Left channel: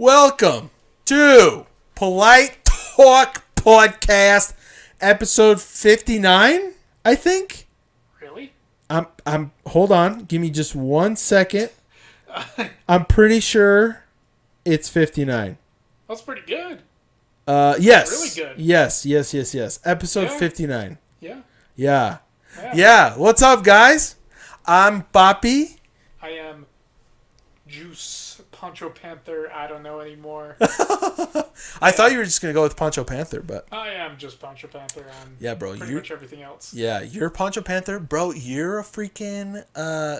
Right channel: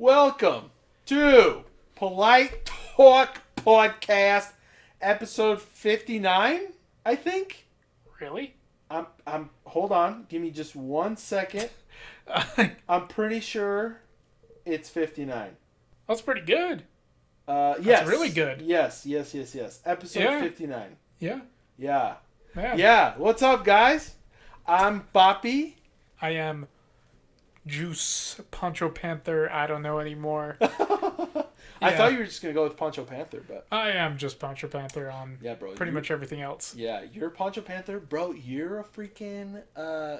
Welcome to Polite Talk Podcast, episode 59, I think. Really? Hold on. Give me just 1 second. I'm pretty sure it's 59. That's pretty good. Yes. Really good. Yes. Episode 59. Yeah. Yeah. What's up, guys? I'm Boppy. I am Juice, Poncho Panther, I don't know anymore. I thought you were just going to go with Poncho Panther, but... I am just Poncho Panther on pretty much everything else. Yeah, you're Poncho Panther. Bro, you're a freaking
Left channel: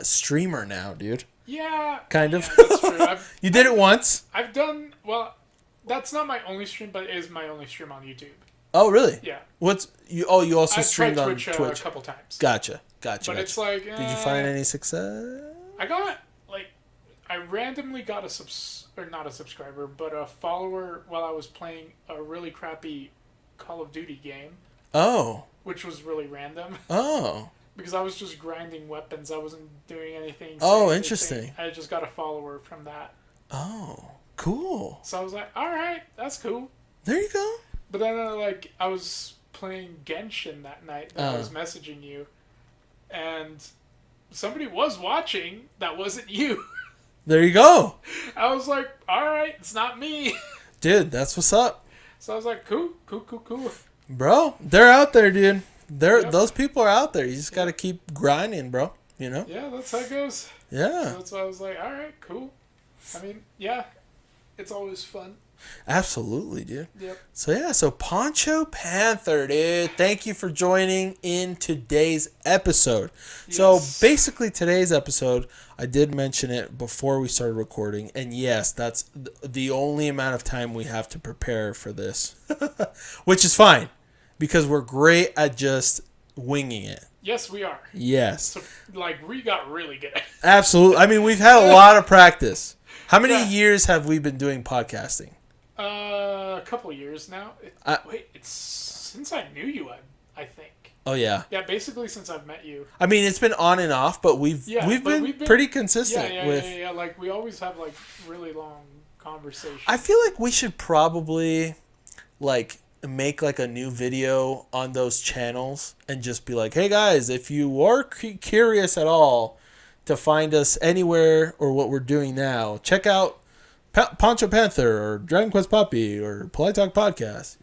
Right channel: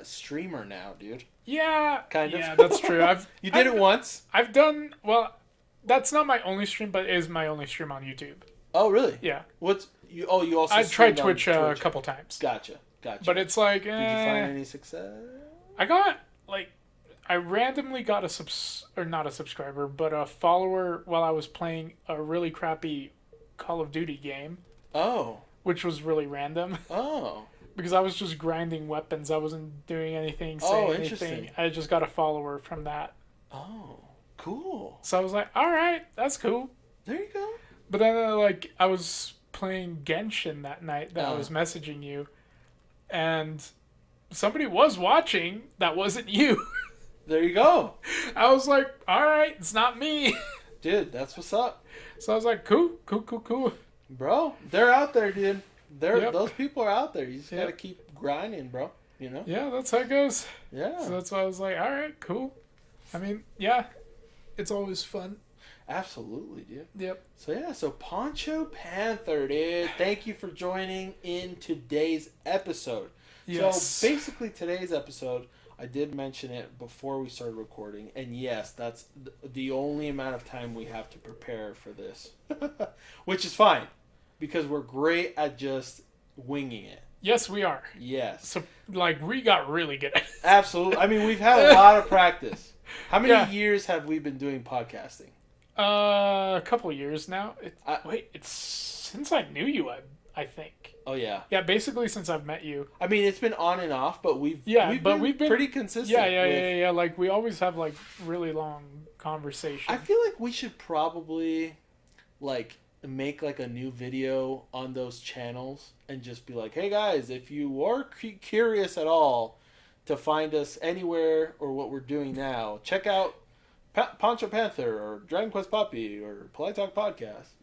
streamer now, dude. Yeah. Kind of. Yeah, that's true. You did it once? I've done... Well, that's not my only stream, but it is my only stream on YouTube. Oh, really? Yeah. You also streamed on Twitch a couple times. Gotcha. But it's like... Did you find any success? I randomly got not a subscriber, but a follower while I was playing a really crappy Call of Duty game. Oh. Which was really random. Oh. Because I was just grinding weapons. I wasn't doing anything. Oh, interesting. I just got a follower from that. Oh, cool. So I was like, all right, that's cool. There you go. But then, I was playing Genshin that night that I was messaging you, and somebody was watching that wasn't you. There you go. I was like, all right, it's not me. Dude, that's what's up. So I was like, cool. Bro, they're out there, dude. Those people are out there. You just got to keep grinding, bro. You know? Yeah, that's how it goes. Yeah. So that's why I was like, all right, cool. I mean, yeah, it's always fun. Absolutely, dude. Yep. So Poncho Panther, dude. Thank you for joining in today's episode. Yes. So basically today's episode, I did mention it before we started recording, and yes, that's the only amount of time we have to prepare for this, which is fine, because we're great at just winging it. Yes, we are. Yes. So, we got really good at it. Absolutely. I mean, we've had a lot of practice. How many years have we been doing podcasting? A couple of years now. It's since I knew you, I think. Oh, yeah. Yeah, basically since I've met you. I mean, it's been on and off, but we've been pretty consistent. Yeah. We always have, really long conversations. I feel like we should probably, make, a new video on those channels and just be like, hey, guys, if you are curious at all to find us anywhere or what we're doing now, check out Poncho Panther or Dragon Quest Puppy or Polite Talk Podcast.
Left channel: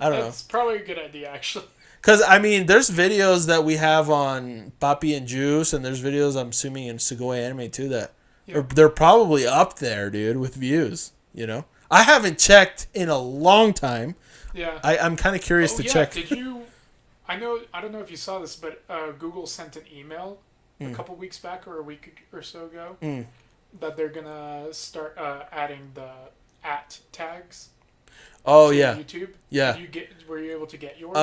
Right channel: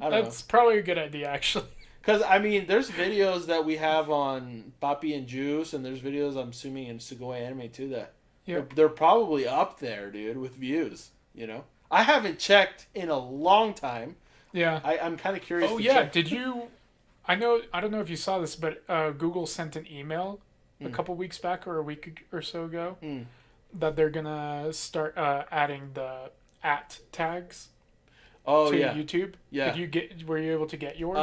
I don't know. That's probably a good idea, actually. Because, I mean, there's videos that we have on Boppy and Juice, and there's videos, I'm assuming, in Sugoi Anime, too, that they're probably up there, dude, with views, I haven't checked in a long time. Yeah. I'm kind of curious to check. Did you... I don't know if you saw this, but Google sent an email a couple weeks back or a week or so ago that they're going to start adding the @tags. Oh, to yeah. YouTube? Yeah. Were you able to get yours?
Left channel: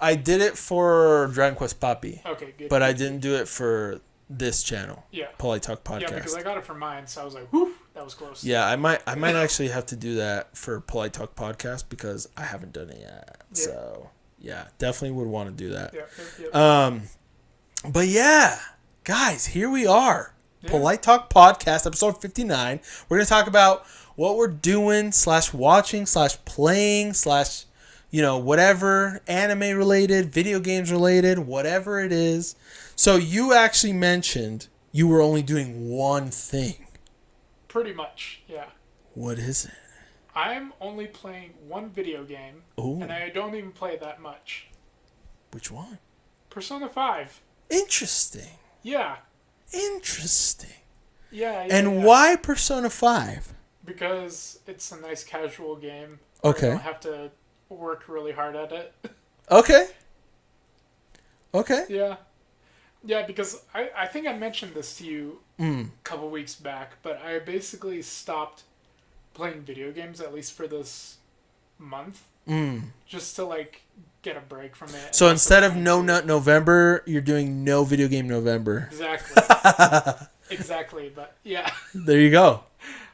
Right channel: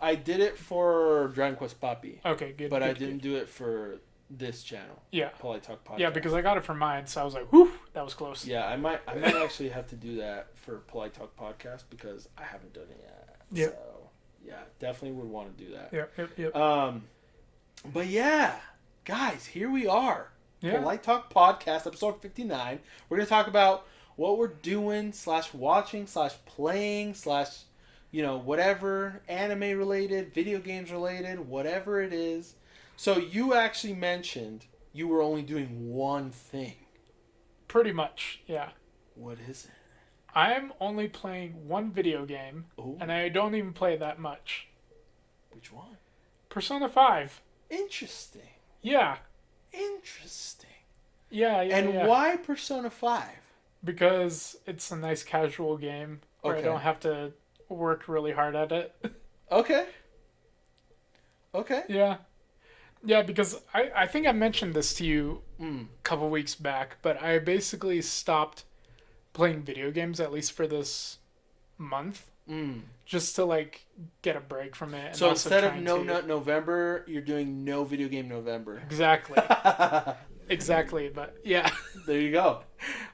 I did it for Dragon Quest Puppy. Okay, good. But I didn't do it for this channel. Yeah. Polite Talk Podcast. Yeah, because I got it for mine, so I was like, whew, that was close. Yeah, I might actually have to do that for Polite Talk Podcast because I haven't done it yet. Yep. So, yeah, definitely would want to do that. Yep. But yeah, guys, here we are. Yeah. Polite Talk Podcast, episode 59. We're going to talk about what we're doing / watching / playing / whatever, anime related, video games related, whatever it is. So you actually mentioned you were only doing one thing. Pretty much, yeah. What is it? I am only playing one video game, and I don't even play that much. Which one? Persona 5. Interesting. Yeah. Interesting. Yeah. And why Persona 5? Because it's a nice casual game. Okay. I don't have to work really hard at it. Okay. Yeah. Yeah, because I think I mentioned this to you a couple weeks back, but I basically stopped playing video games, at least for this month, just to, get a break from it. So instead of No Nut November, you're doing No Video Game November. Exactly. Exactly, but yeah. There you go.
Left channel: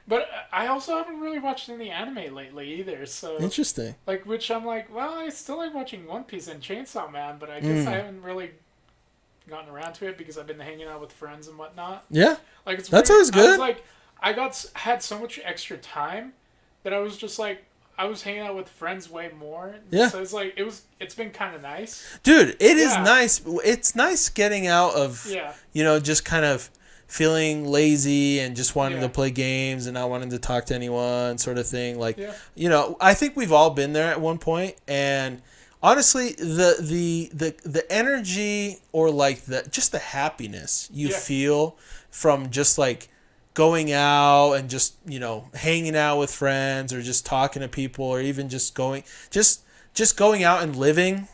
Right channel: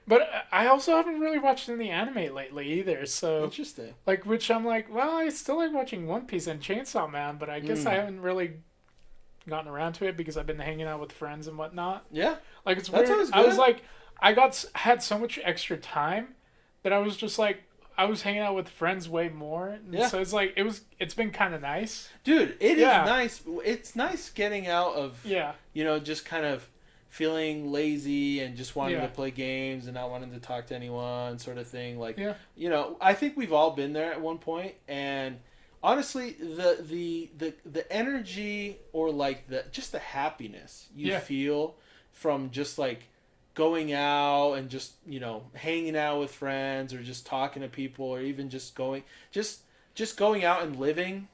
But I also haven't really watched any anime lately either, so... Interesting. Which I'm like, well, I still like watching One Piece and Chainsaw Man, but I guess I haven't really gotten around to it because I've been hanging out with friends and whatnot. Yeah. It's That's weird. always good. I was had so much extra time that I was just like, I was hanging out with friends way more. Yeah. So it's like it's been kind of nice. Dude, it is Yeah. nice. It's nice getting out of, Yeah. just kind of feeling lazy and just wanting Yeah. to play games and not wanting to talk to anyone, sort of thing. Like, Yeah. I think we've all been there at one point, and honestly, the energy, or like the happiness you Yeah. feel from just like going out and just hanging out with friends, or just talking to people, or even just going out and living,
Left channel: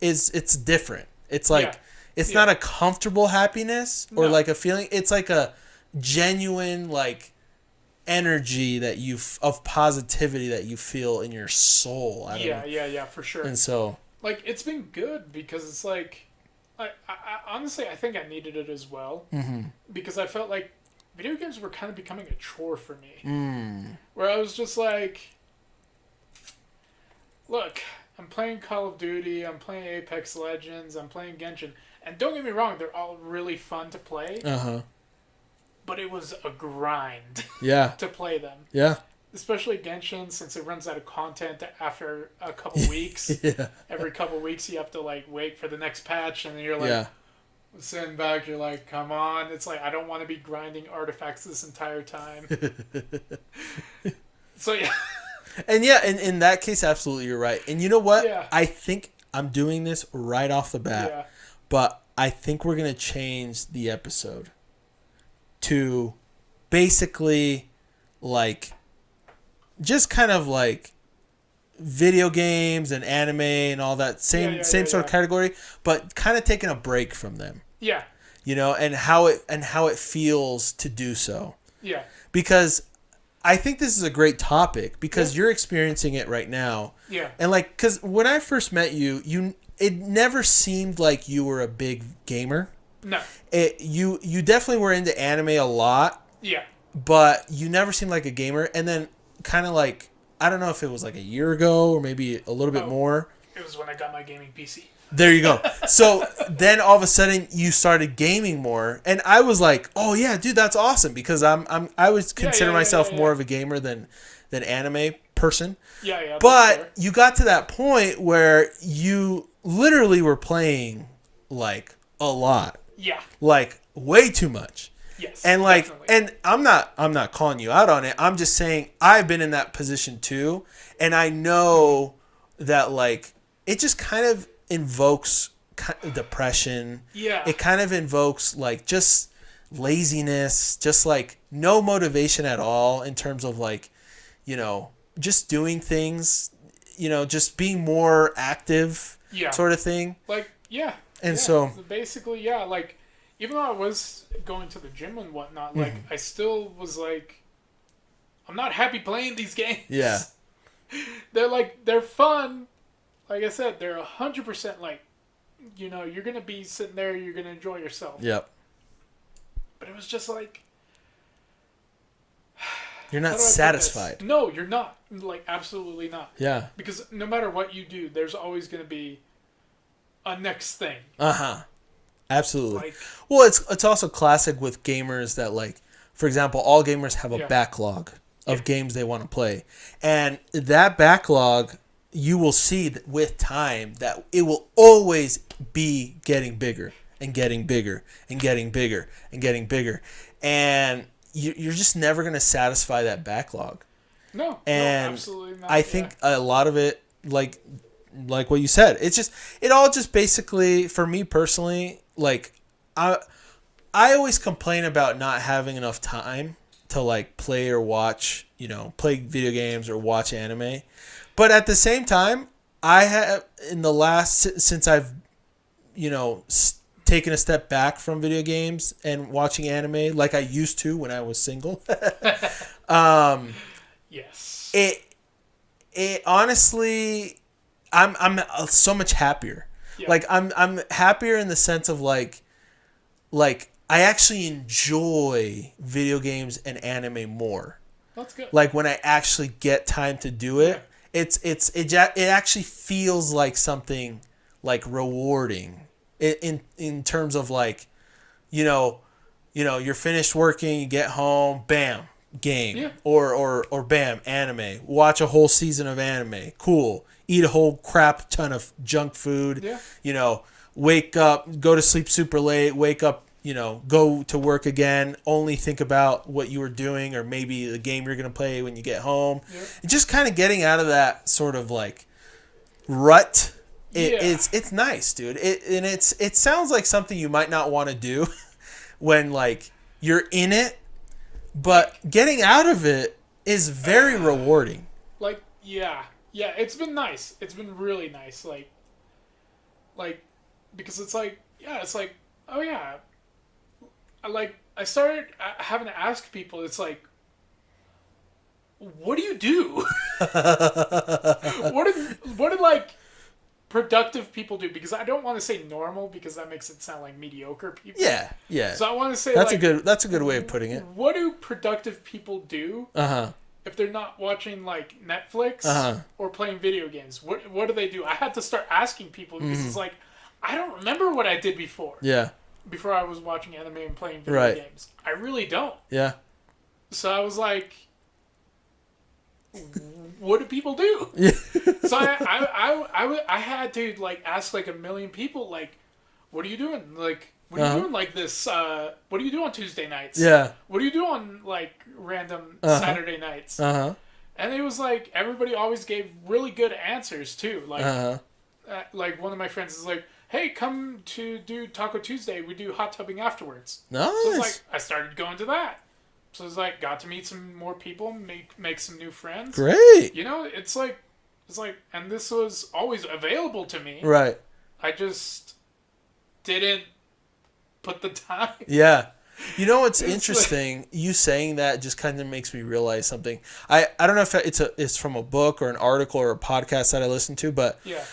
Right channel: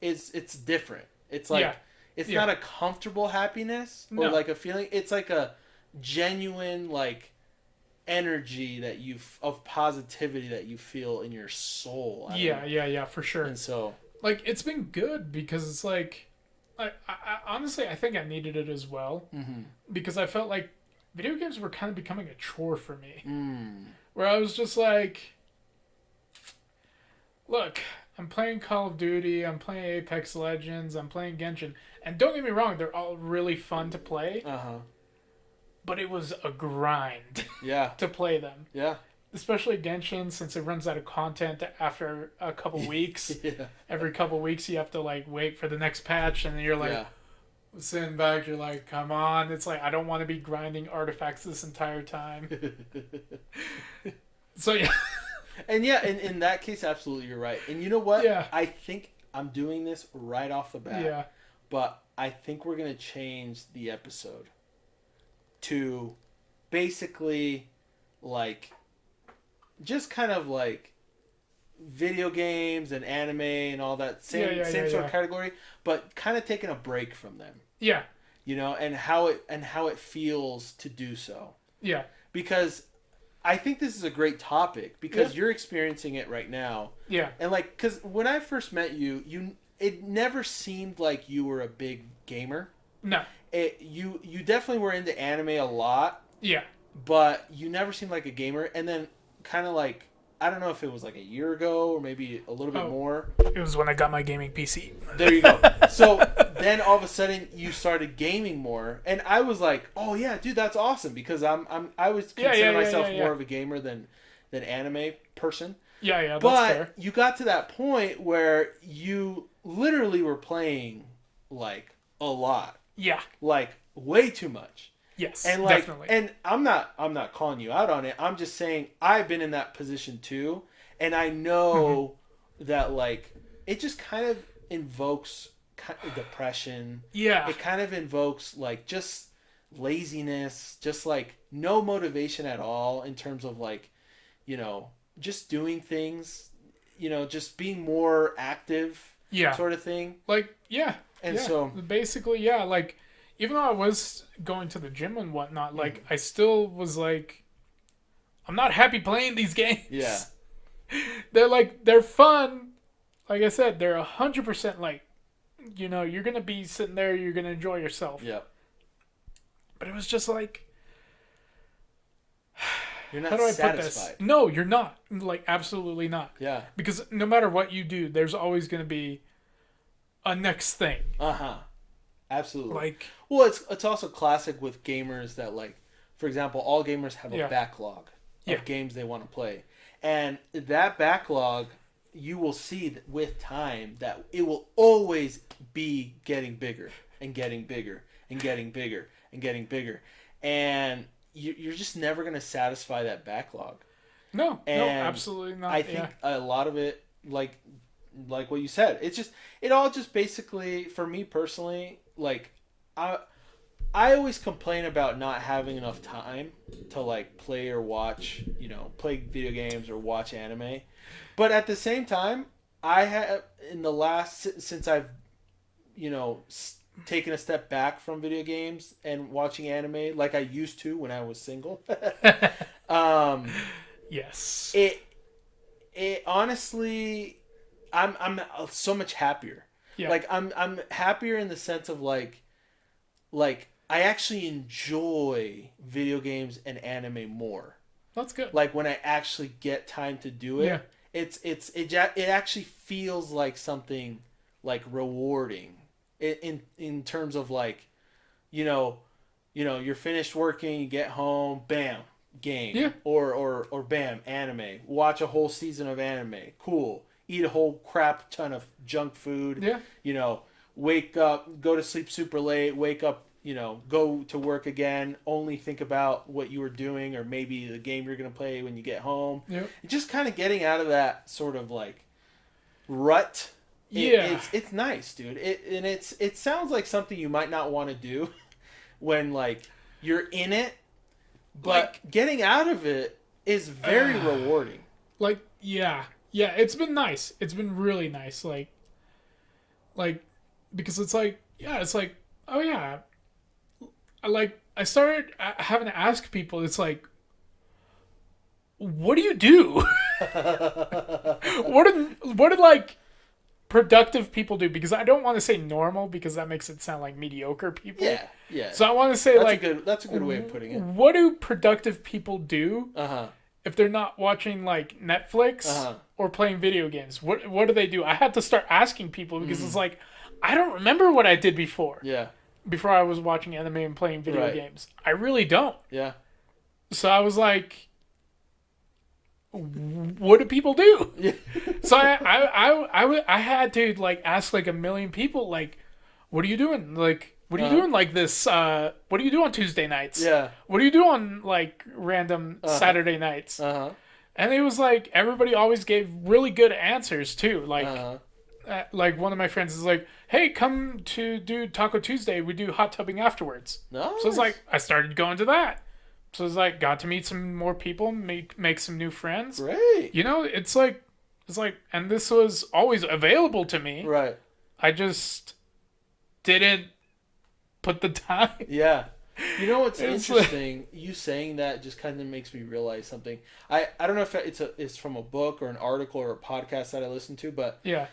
it's different. It's like Yeah. it's Yeah. not a comfortable happiness, or No. like a feeling. It's like a genuine, like, energy of positivity that you feel in your soul. I don't know. Yeah, for sure. And so, Like, it's been good because it's like, I honestly, I think I needed it as well. mm-hmm. Because I felt like video games were kind of becoming a chore for me. Mm. Where I was just like, look, I'm playing Call of Duty, I'm playing Apex Legends, I'm playing Genshin. And don't get me wrong, they're all really fun to play. Uh-huh. But it was a grind Yeah. to play them. Yeah. Especially Genshin, since it runs out of content after a couple weeks. Yeah. Every couple weeks you have to like wait for the next patch, and then you're like sitting back, you're like, come on. It's like, I don't want to be grinding artifacts this entire time. So yeah. And yeah, in that case, absolutely, you're right. And you know what? Yeah. I think I'm doing this right off the bat. Yeah. But I think we're going to change the episode to basically like just kind of like video games and anime and all that same sort of category, but kind of taking a break from them. Yeah. And how it feels to do so. Yeah. Because I think this is a great topic, because you're experiencing it right now. Yeah. And like, because when I first met you, it never seemed like you were a big gamer. No. You definitely were into anime a lot. Yeah. But you never seemed like a gamer. And then kind of like, I don't know if it was like a year ago or maybe a little bit more. It was when I got my gaming PC. There you go. So then all of a sudden you started gaming more, and I was like, "Oh yeah, dude, that's awesome," because I would consider myself more of a gamer than anime person. Yeah. But you got to that point where you literally were playing like a lot. Yeah. Like way too much. Yes. And like, definitely. and I'm not calling you out on it. I'm just saying I've been in that position too, and I know that like it just kind of invokes depression. Yeah. It kind of invokes like just laziness, just like no motivation at all in terms of like, just doing things, just being more active, sort of thing. Like, yeah. And so basically, yeah, like, even though I was going to the gym and whatnot, like, I still was like, I'm not happy playing these games. Yeah. They're fun. Like I said, they're 100% like, you're going to be sitting there, you're going to enjoy yourself. Yep. But it was just like, you're not satisfied. No, you're not. Like, absolutely not. Yeah. Because no matter what you do, there's always going to be a next thing. Uh-huh. Absolutely. Like, well, it's also classic with gamers that, like, for example, all gamers have a backlog of games they want to play. And that backlog, you will see that with time that it will always be getting bigger and getting bigger and getting bigger and getting bigger. And you're just never going to satisfy that backlog. No, absolutely not. I think a lot of it, like what you said, it all just basically, for me personally, like, I always complain about not having enough time to like play or watch, play video games or watch anime. But at the same time, I have, since I've, taken a step back from video games and watching anime like I used to when I was single. Yes. It honestly, I'm so much happier. Yeah. Like I'm happier in the sense of like I actually enjoy video games and anime more. That's good. Like when I actually get time to do it, it actually feels like something like rewarding in terms of like, you're finished working, you get home, bam, game, or bam, anime, watch a whole season of anime. Cool. Eat a whole crap ton of junk food. Yeah. You know, wake up, go to sleep super late, wake up, you know, go to work again, only think about what you were doing or maybe the game you're going to play when you get home. Yeah. Just kind of getting out of that sort of like rut. It's nice, dude. It sounds like something you might not want to do when like you're in it, but getting out of it is very rewarding. Like, yeah, it's been nice. It's been really nice. Like, because it's like, oh yeah, I started having to ask people. It's like, what do you do? what did like productive people do? Because I don't want to say normal because that makes it sound like mediocre people. Yeah. So I want to say that's a good way of putting it. What do productive people do? If they're not watching like Netflix or playing video games? What do they do? I had to start asking people because it's like I don't remember what I did before. Yeah. Before I was watching anime and playing video games. I really don't. Yeah. So I was like, what do people do? Yeah. So I had to like ask like a million people like, what are you doing? Like, what are you doing like this? What do you do on Tuesday nights? Yeah. What do you do on like random Saturday nights? And it was like everybody always gave really good answers too. Like one of my friends is like, hey, come to do Taco Tuesday. We do hot tubbing afterwards. Nice. So it's like I started going to that. So it's like got to meet some more people, make some new friends. Great. You know, it's like, and this was always available to me. Right. I just didn't put the time. Yeah. You know what's interesting? You saying that just kind of makes me realize something. I don't know if it's from a book or an article or a podcast that I listened to, but yeah.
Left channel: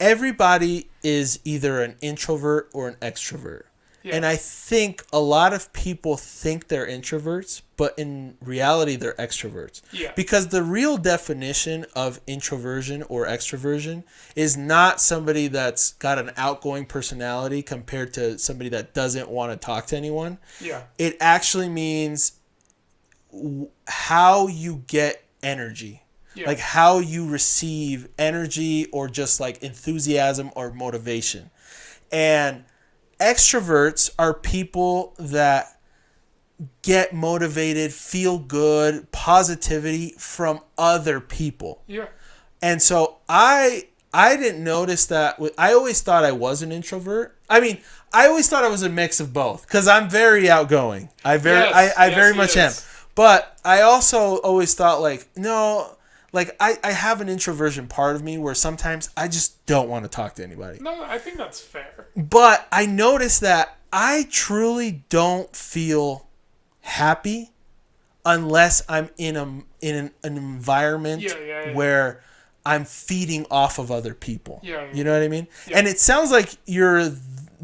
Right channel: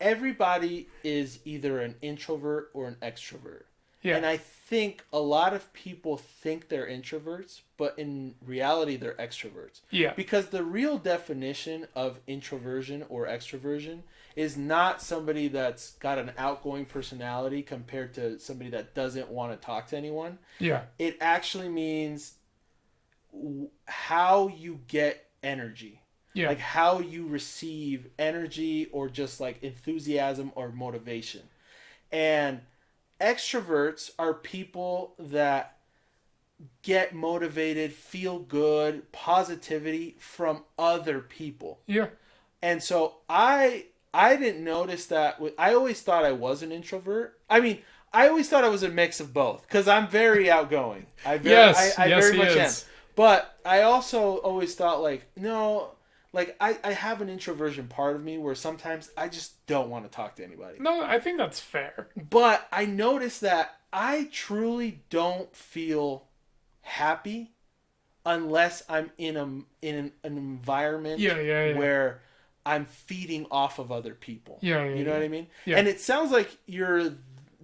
Everybody is either an introvert or an extrovert. Yeah. And I think a lot of people think they're introverts, but in reality, they're extroverts. Yeah. Because the real definition of introversion or extroversion is not somebody that's got an outgoing personality compared to somebody that doesn't want to talk to anyone. Yeah. It actually means how you get energy. Yeah. Like how you receive energy or just like enthusiasm or motivation. And extroverts are people that get motivated, feel good, positivity from other people. Yeah. And so I didn't notice that. I always thought I was an introvert. I mean, I always thought I was a mix of both because I'm very outgoing. I very much am. But I also always thought like, no, like I have an introversion part of me where sometimes I just don't want to talk to anybody. No, I think that's fair. But I noticed that I truly don't feel happy unless I'm in an environment where I'm feeding off of other people. Yeah. You know what I mean? Yeah. And it sounds like you're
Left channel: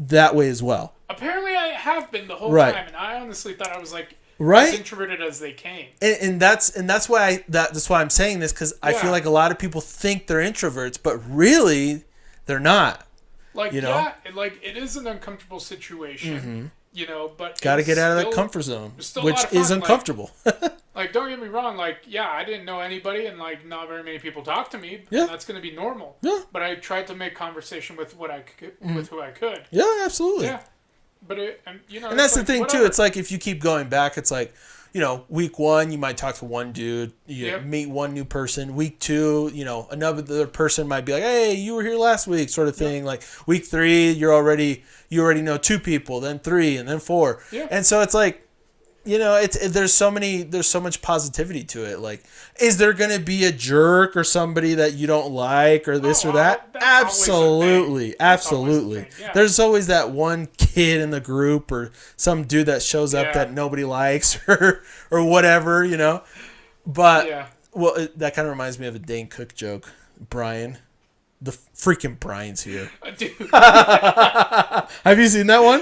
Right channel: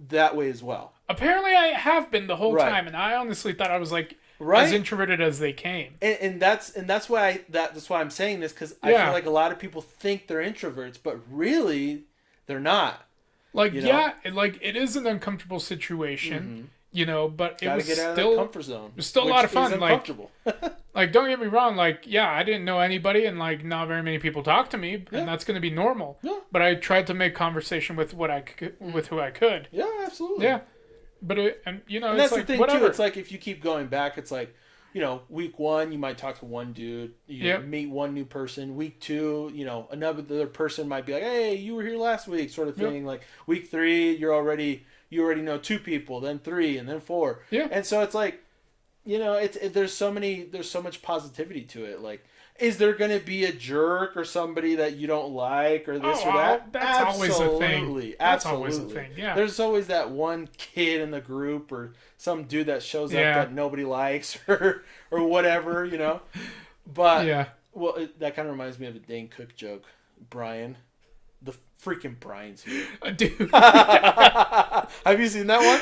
that way as well. Apparently I have been the whole time, and I honestly thought I was like as introverted as they came. And that's why I'm saying this, because I feel like a lot of people think they're introverts, but really they're not. Like, you know? It is an uncomfortable situation, you know, but gotta get out of that comfort zone, which is uncomfortable. Like, don't get me wrong, like, I didn't know anybody, and like not very many people talked to me, and that's gonna be normal. Yeah. But I tried to make conversation with who I could. Yeah, absolutely. Yeah. But you know, and that's the thing too. It's like if you keep going back, it's like, you know, week 1 you might talk to one dude, you meet one new person. Week 2, you know, another person might be like, hey, you were here last week, sort of thing. Like week 3, you already know 2 people, then 3, and then 4. Yeah. And so it's like, you know, there's so much positivity to it. Like, is there going to be a jerk or somebody that you don't like or this or that? Absolutely. Yeah. There's always that one kid in the group or some dude that shows up that nobody likes or whatever, you know. But, well, that kind of reminds me of a Dane Cook joke. Brian. The freaking Brian's here. Dude. Have you seen that one?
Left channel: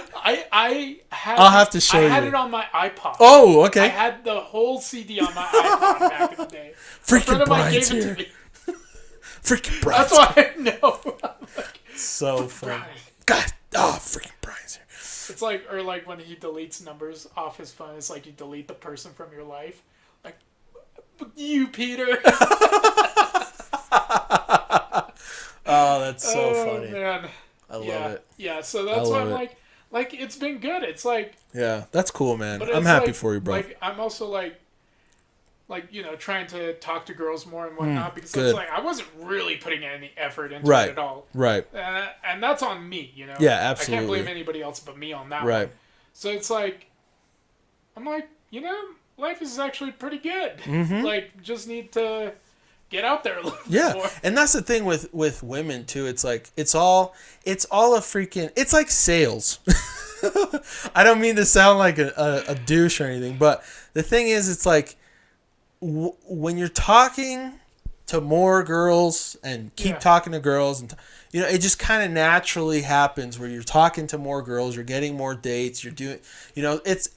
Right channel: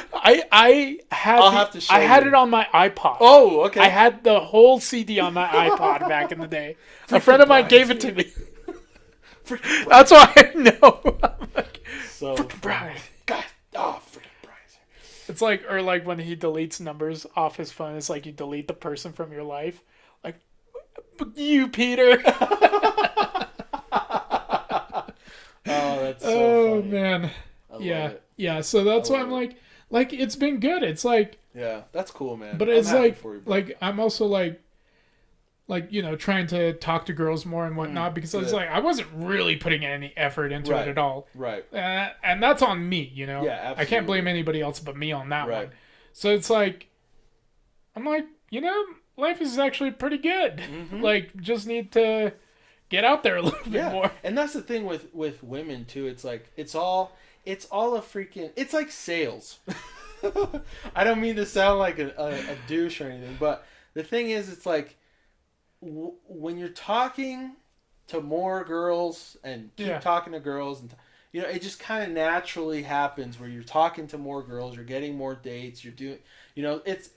I'll have to show you. I had it on my iPod. Oh, okay. I had the whole CD on my iPod back in the day. A friend of mine gave it to me. Freaking Brian's That's why I know. Like, so funny. God, freaking Brian's here. It's like, or like when he deletes numbers off his phone, it's like you delete the person from your life. Like, You, Peter. Oh, that's so funny. Man. I love it. Yeah, so that's why I'm it. like, it's been good. It's like, Yeah, that's cool, man. but I'm it's happy like, for you, bro. like, I'm also like, you know, trying to talk to girls more and whatnot because it's like, I wasn't really putting any effort into it at all. Right. And that's on me, you know? Yeah, absolutely. I can't blame anybody else but me on that one. Right. So it's like, I'm like, you know, life is actually pretty good. Mm-hmm. Like, just need to get out there a little bit more. And that's the thing with women too. It's like it's all a freaking. It's like sales. I don't mean to sound like a douche or anything, but the thing is, it's like when you're talking to more girls and keep talking to girls and. You know, it just kind of naturally happens where you're talking to more girls, you're getting more dates, you're doing, you know, it's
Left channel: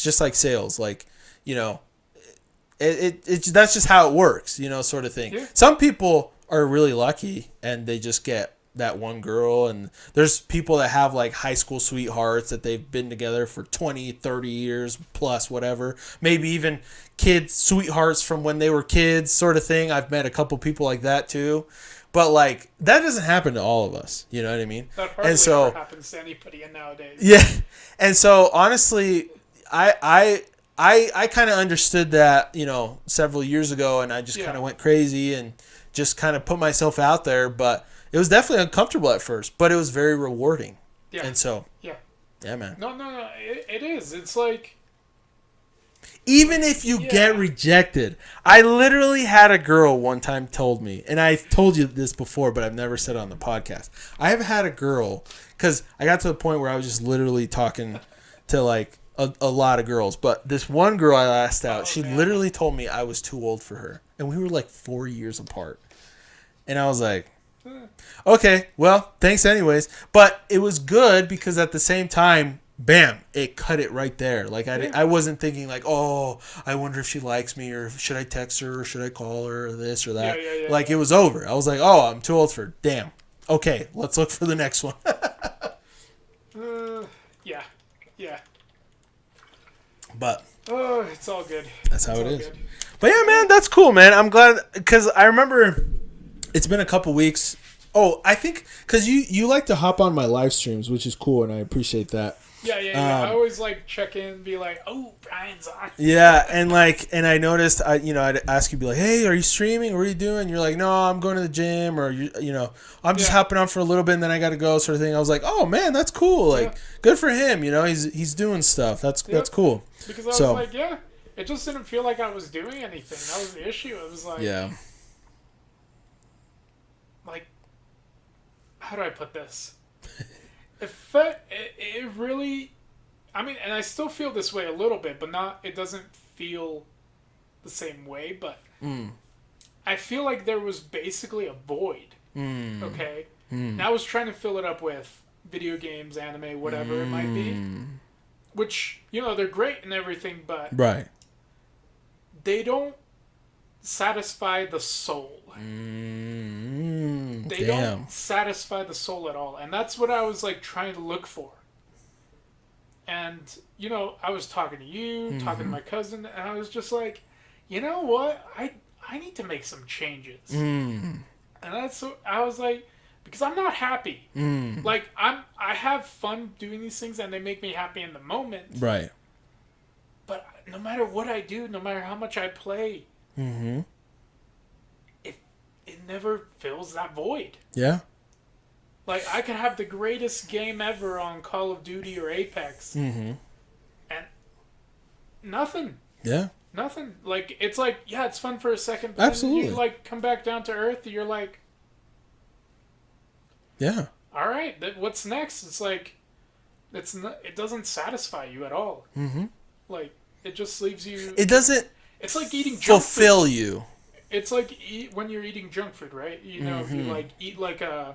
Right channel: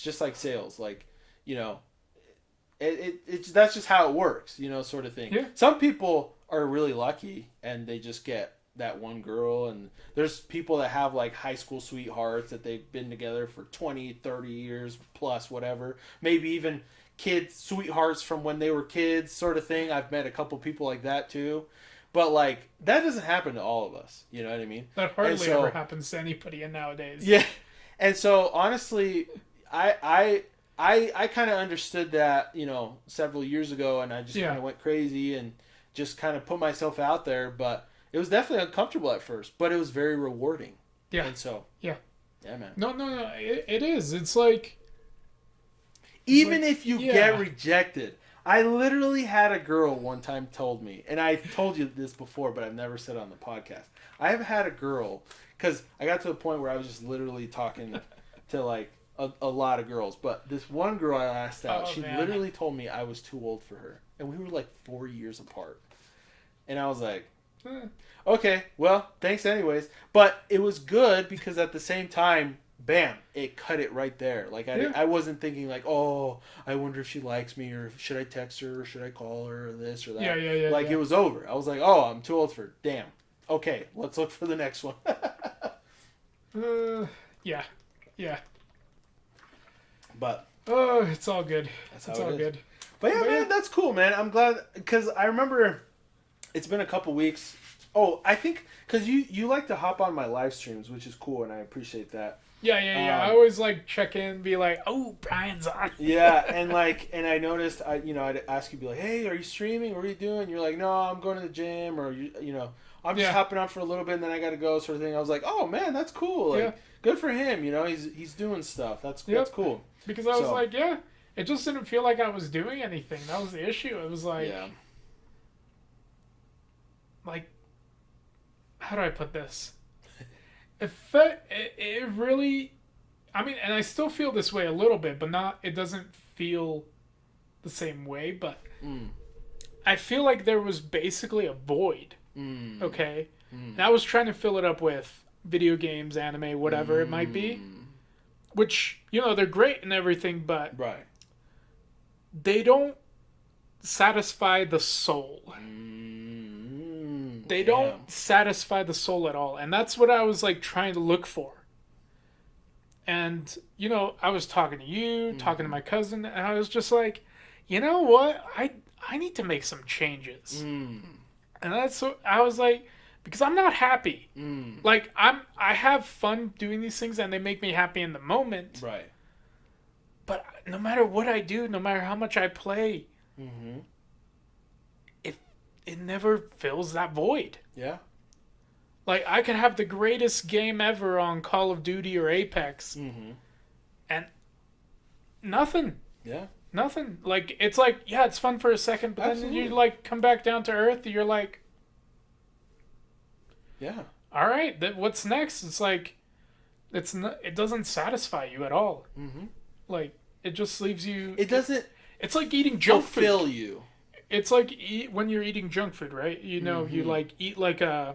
just like sales, like, you know, that's just how it works, you know, sort of thing. Yeah. Some people are really lucky and they just get that one girl, and there's people that have like high school sweethearts that they've been together for 20, 30 years plus, whatever, maybe even kids sweethearts from when they were kids, sort of thing. I've met a couple people like that too. But, like, that doesn't happen to all of us. You know what I mean? That hardly ever happens to anybody nowadays. Yeah. And so, honestly, I kind of understood that, you know, several years ago, and I just kind of went crazy and just kind of put myself out there. But it was definitely uncomfortable at first, but it was very rewarding. Yeah. And so. Yeah. Yeah, man. No. It is. It's like. Even if you get rejected. I literally had a girl one time told me, and I've told you this before, but I've never said it on the podcast. I've had a girl, because I got to the point where I was just literally talking to like a lot of girls. But this one girl I asked out, she literally told me I was too old for her. And we were like 4 years apart. And I was like, okay, well, thanks anyways. But it was good because at the same time, bam, it cut it right there. Like, I wasn't thinking like, oh, I wonder if she likes me, or should I text her, or should I call her, or this or that. It was over. I was like, oh, I'm too old for her. Damn. Okay, let's look for the next one. Yeah. But. Oh, it's all good. That's how it is. Good. But yeah, man, that's cool, man. I'm glad, because I remember it's been a couple weeks. Oh, I think, because you like to hop on my live streams, which is cool, and I appreciate that. Yeah. I always like check in and be like, oh, Brian's on. Yeah, and I noticed, I'd ask you, be like, hey, are you streaming? What are you doing? You're like, no, I'm going to the gym, or I'm just hopping on for a little bit and then I got to go, sort of thing. I was like, oh man, that's cool. Like, good for him. You know, he's doing stuff. That's cool. Because I was like, it just didn't feel like I was doing anything. That was the issue. It was like, like, how do I put this? It really, I mean, and I still feel this way a little bit, but it doesn't feel the same way, but I feel like there was basically a void, okay? And I was trying to fill it up with video games, anime, whatever it might be, which, they're great and everything, but they don't satisfy the soul. They don't satisfy the soul at all. And that's what I was like trying to look for. And, I was talking to you, talking to my cousin, and I was just like, you know what? I need to make some changes. And that's what I was like, because I'm not happy. Like, I have fun doing these things and they make me happy in the moment. Right. But no matter what I do, no matter how much I play, it never fills that void. Yeah. Like, I could have the greatest game ever on Call of Duty or Apex. And nothing. Yeah. Nothing. Like, it's like, it's fun for a second, but then you, like, come back down to earth, you're like... Yeah. All right, what's next? It's like, it doesn't satify you at all. Like, it just leaves you... It doesn't... It's like eating junk food. Fulfill you. It's like when you're eating junk food, right? If you like eat like I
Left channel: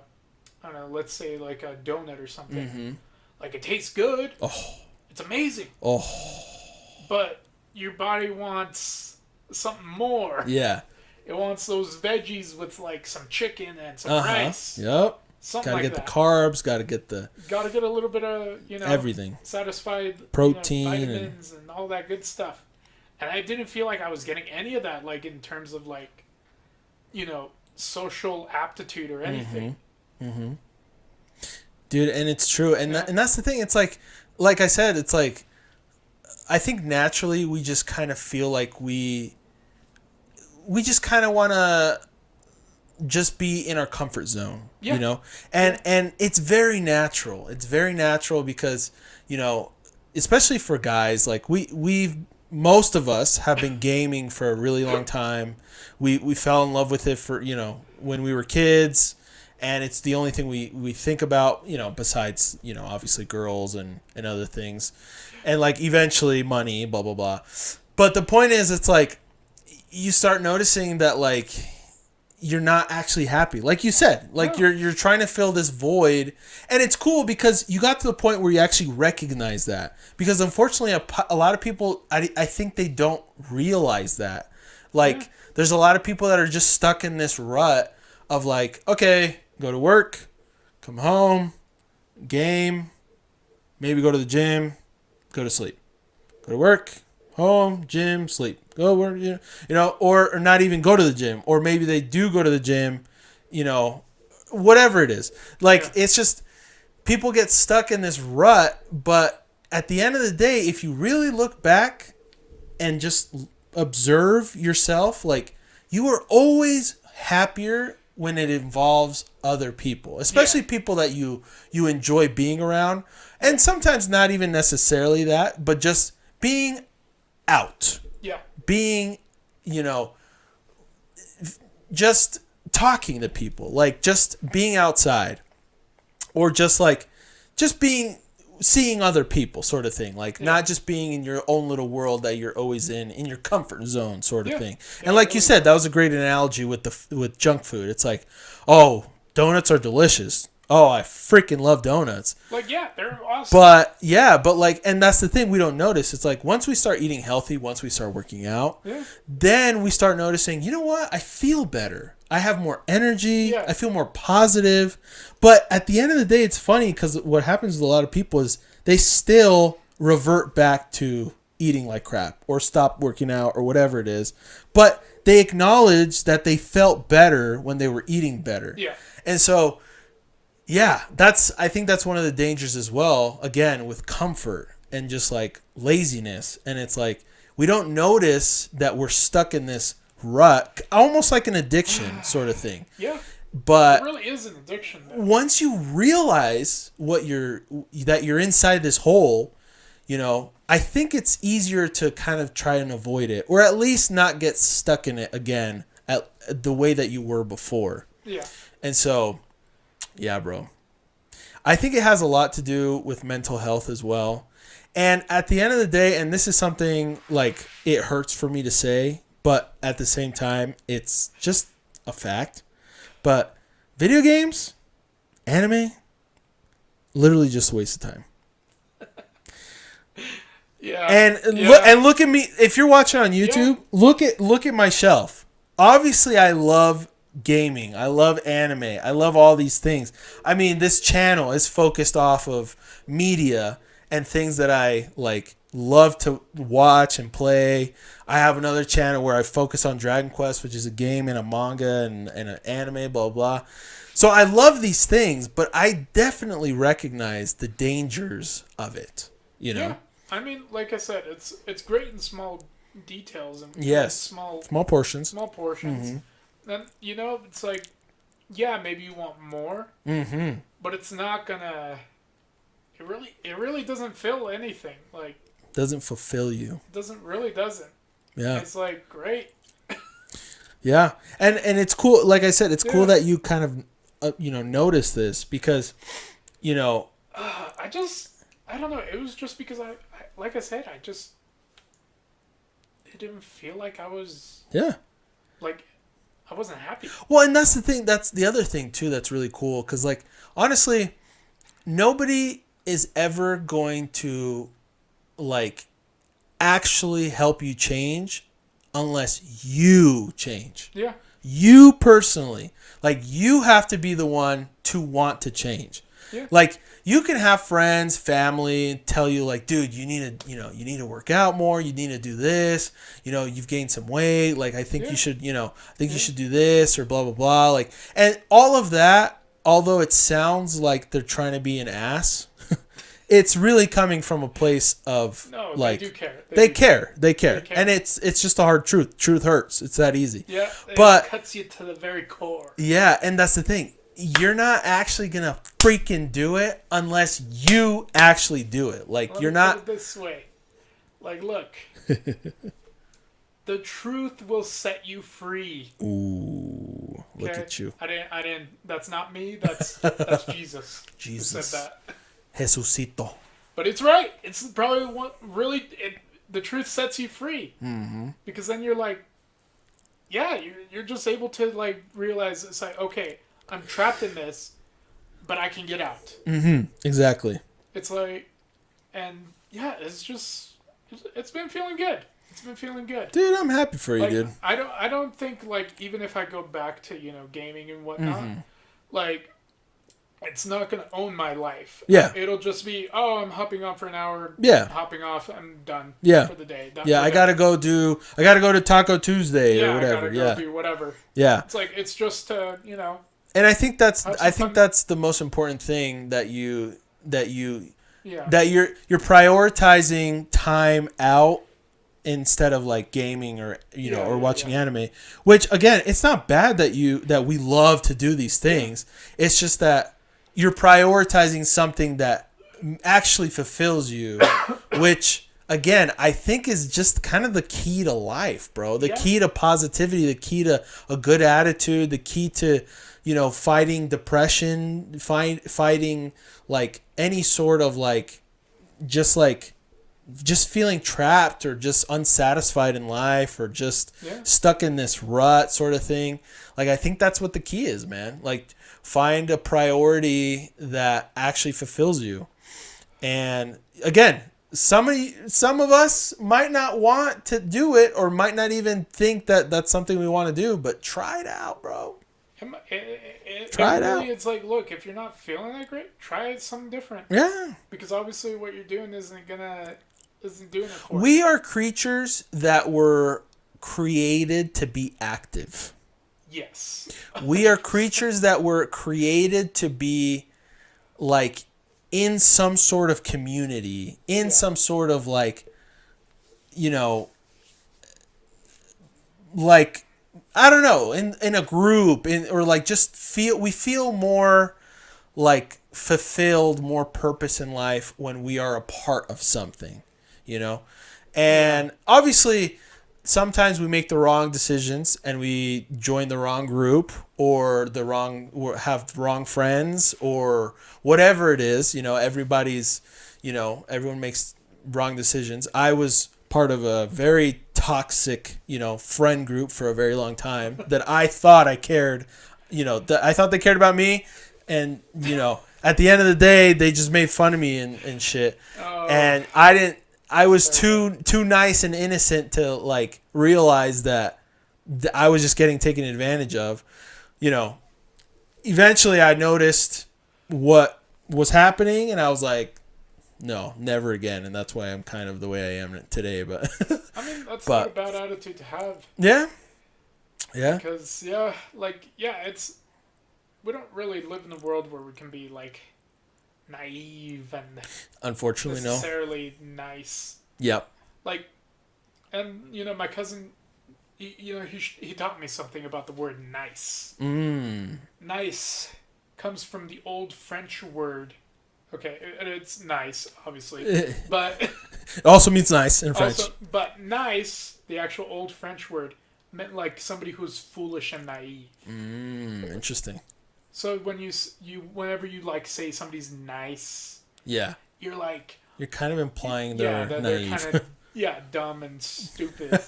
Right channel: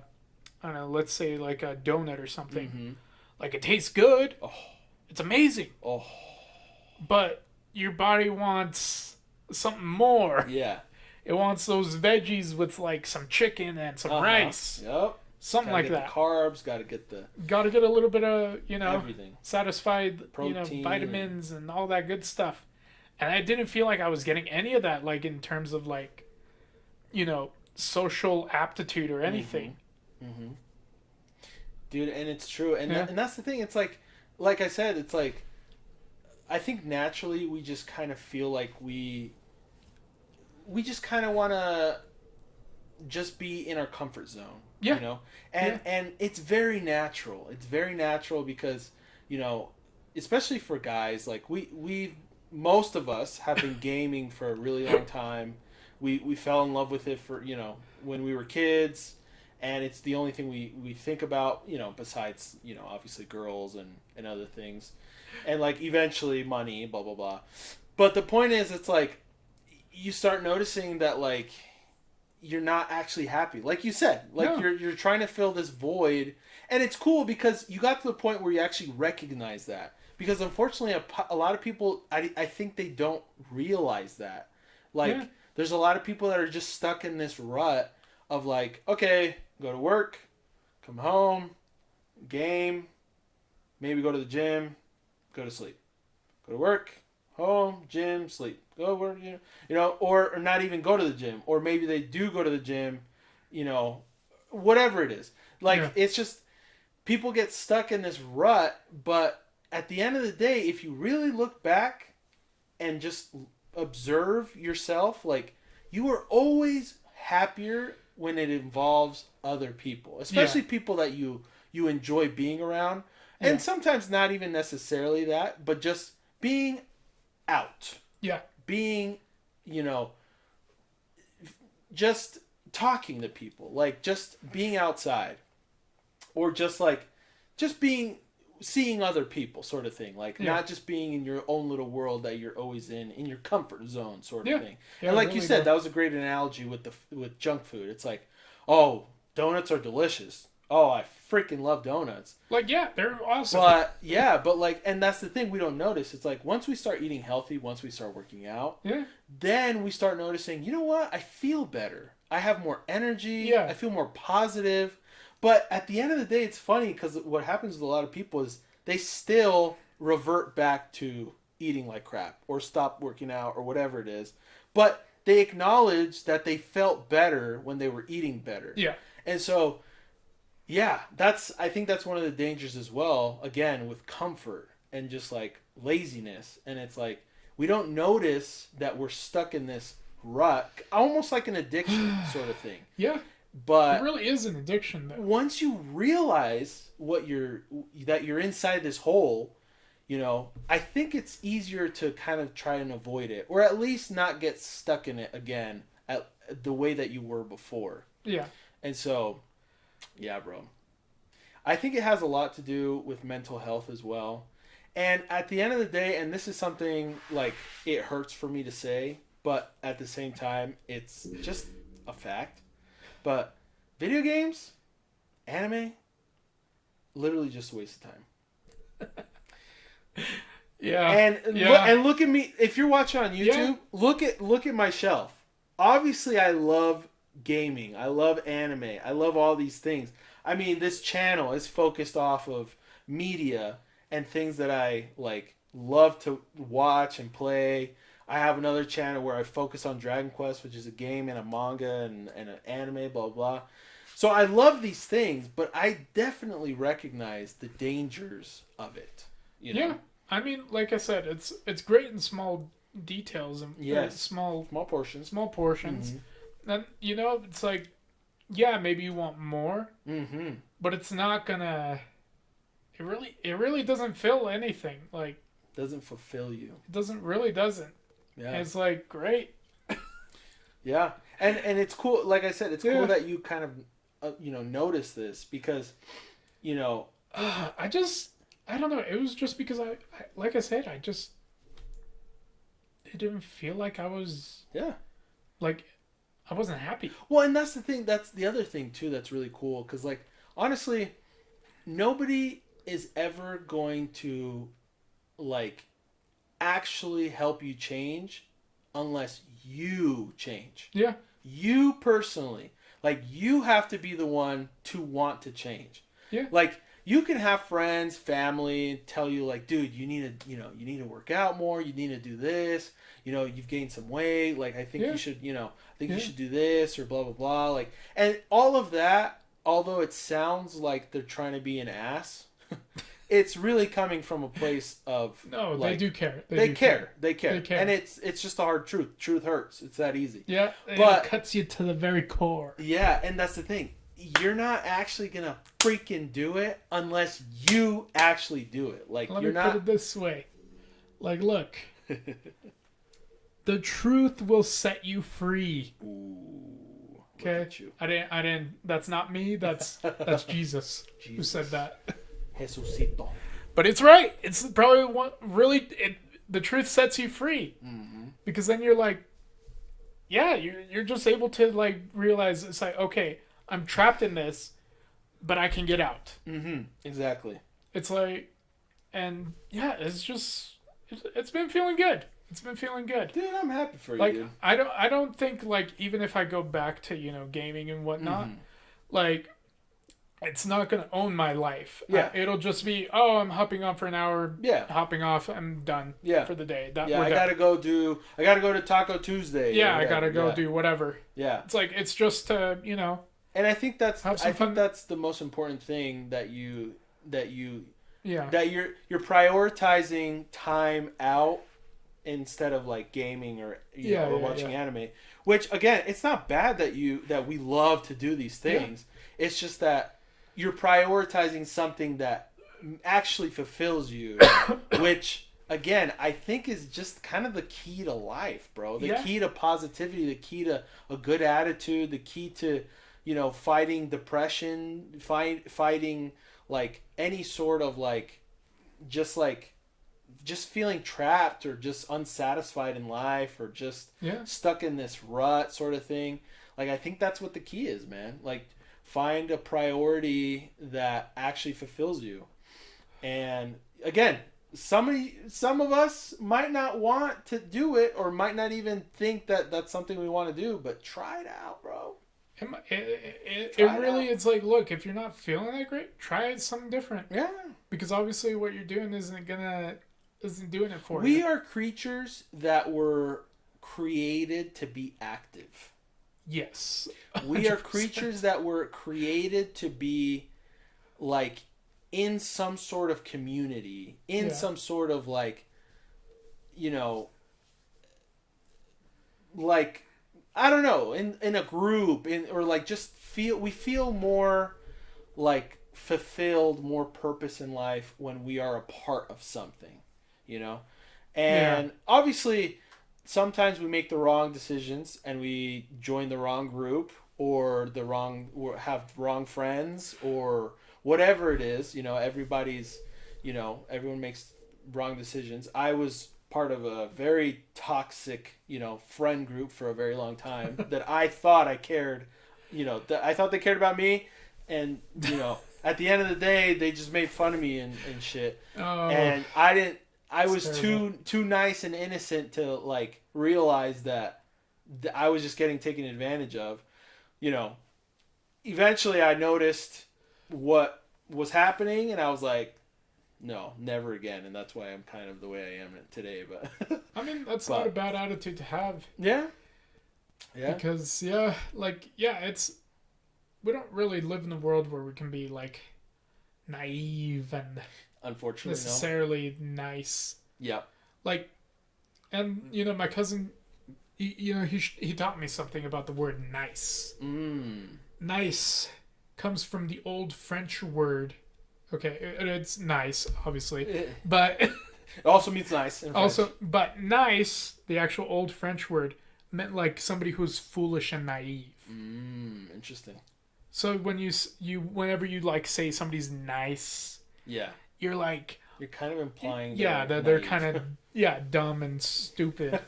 don't know, let's say like a donut or something. Like, it tastes good. Oh. It's amazing. Oh. But your body wants something more. Yeah. It wants those veggies with like some chicken and some rice. Yep. Something like that. Gotta get the carbs, gotta get a little bit of, everything. Satisfied protein, vitamins and all that good stuff. and I didn't feel like I was getting any of that, like in terms of like, social aptitude or anything. Mm-hmm. Dude, and it's true, and Yeah. and that's the thing. It's like I said, it's like I think naturally we just kind of feel like we just kind of want to just be in our comfort zone, Yeah. and it's very natural. It's very natural because especially for guys, like we've most of us have been gaming for a really long time. We fell in love with it for when we were kids, and it's the only thing we think about, besides obviously girls and other things, and like eventually money, blah blah blah. But the point is, it's like you start noticing that like you're not actually happy. Like you said, like No. you're trying to fill this void, and it's cool because you got to the point where you actually recognize that. Because unfortunately, a lot of people, I think they don't realize that. Like, there's a lot of people that are just stuck in this rut of like, okay, go to work, come home, game, maybe go to the gym, go to sleep. Go to work, home, gym, sleep. Go work, or not even go to the gym. Or maybe they do go to the gym, whatever it is. Like, it's just, people get stuck in this rut, but at the end of the day, if you really look back and just observe yourself, like, you are always happier when it involves other people, especially people that you enjoy being around. And sometimes not even necessarily that, but just being out. Yeah. Being, just talking to people, like just being outside, or just seeing other people, sort of thing. Like not just being in your own little world that you're always in your comfort zone, sort of thing. And like you said, that was a great analogy with junk food. It's like, oh, donuts are delicious. Oh, I freaking love donuts. Like, yeah, they're awesome. But like, and that's the thing we don't notice. It's like once we start eating healthy, once we start working out, then we start noticing, you know what? I feel better. I have more energy. Yeah. I feel more positive. But at the end of the day, it's funny because what happens with a lot of people is they still revert back to eating like crap or stop working out or whatever it is. But they acknowledge that they felt better when they were eating better. Yeah. And so, yeah, I think that's one of the dangers as well, again, with comfort and just like laziness. And it's like we don't notice that we're stuck in this rut, almost like an addiction sort of thing. Yeah. But it really is an addiction, though. Once you realize that you're inside this hole, I think it's easier to kind of try and avoid it, or at least not get stuck in it again at the way that you were before. Yeah. And so, yeah, bro. I think it has a lot to do with mental health as well. And at the end of the day, and this is something like it hurts for me to say, but at the same time, it's just a fact. But video games, anime, literally just a waste of time. Yeah. And look at me. If you're watching on YouTube, look at my shelf. Obviously, I love gaming. I love anime. I love all these things. I mean, this channel is focused off of media and things that I like love to watch and play. I have another channel where I focus on Dragon Quest, which is a game and a manga and an anime, blah, blah. So I love these things, but I definitely recognize the dangers of it, Yeah. I mean, like I said, it's great in small details and small portions. Small portions. Mm-hmm. And, it's like, yeah, maybe you want more, but it's not gonna... It really doesn't fill anything. Like, doesn't fulfill you. Doesn't. Yeah. It's like, great. Yeah. And it's cool. Like I said, it's cool that you kind of, notice this because, I don't know. It was just because like I said, it didn't feel like I was... Yeah. Like, I wasn't happy. Well, and that's the thing. That's the other thing, too, that's really cool. Because, like, honestly, nobody is ever going to, like, actually help you change unless you change. Yeah. You personally. Like, you have to be the one to want to change. Yeah. Like, you can have friends, family tell you like, dude, you need to, you need to work out more. You need to do this. You've gained some weight. Like, I think you should, you should do this or blah, blah, blah. Like, and all of that, although it sounds like they're trying to be an ass, it's really coming from a place of like, they do care. They care. And it's just the hard truth. Truth hurts. It's that easy. Yeah. But it cuts you to the very core. Yeah. And that's the thing. You're not actually going to freaking do it unless you actually do it. Like, Let you're me not. Put it this way. Like, look. The truth will set you free. Ooh. Look at you. I didn't. That's not me. That's Jesus. Jesus. Who said that. Jesucito. But it's right. It's probably the truth sets you free. Mm-hmm. Because then you're like, yeah, you're just able to like realize it's like, okay, I'm trapped in this, but I can get out. Mm-hmm. Exactly. It's like, and yeah, it's been feeling good. It's been feeling good. Dude, I'm happy for you, like, dude. I don't think like even if I go back to gaming and whatnot, like it's not gonna own my life. Yeah. It'll just be I'm hopping on for an hour. Yeah. Hopping off. I'm done. Yeah. For the day. I gotta go to Taco Tuesday. Yeah, or whatever. I gotta go do whatever. Yeah. It's like it's just to And I think that's the most important thing that you're prioritizing time out instead of like gaming or or watching anime. Which again, it's not bad that we love to do these things. Yeah. It's just that you're prioritizing something that actually fulfills you, which again, I think is just kind of the key to life, bro. The key to positivity, the key to a good attitude, the key to fighting depression, fighting like any sort of like just feeling trapped or just unsatisfied in life or just stuck in this rut sort of thing. Like, I think that's what the key is, man. Like, find a priority that actually fulfills you. And again, some of us might not want to do it or might not even think that that's something we want to do, but try it out, bro. Try it out. It's like, look, if you're not feeling that great, try something different. Yeah. Because obviously what you're doing isn't doing it for you. We are creatures that were created to be active. Yes. We are creatures that were created to be like in some sort of community, some sort of like, like, I don't know, in a group, or like just we feel more like fulfilled, more purpose in life when we are a part of something, and obviously sometimes we make the wrong decisions and we join the wrong group or have the wrong friends or whatever it is. Everybody's, everyone makes wrong decisions. I was part of a very toxic, friend group for a very long time that I thought I cared, I thought they cared about me, and, at the end of the day, they just made fun of me and shit. Oh. And I was too nice and innocent to like realize that I was just getting taken advantage of. Eventually I noticed what was happening and I was like, no, never again. And that's why I'm kind of the way I am today. But I mean, that's not a bad attitude to have. Yeah. Yeah. Because it's we don't really live in a world where we can be like naive and unfortunately necessarily nice. Yep. Like, and my cousin, he taught me something about the word nice. Nice comes from the old French word. Okay, it's nice, obviously, but it also means nice in French. But nice, the actual old French word, meant like somebody who's foolish and naive. Interesting. So when whenever you like say somebody's nice, you're like, you're kind of implying they're kind of dumb and stupid.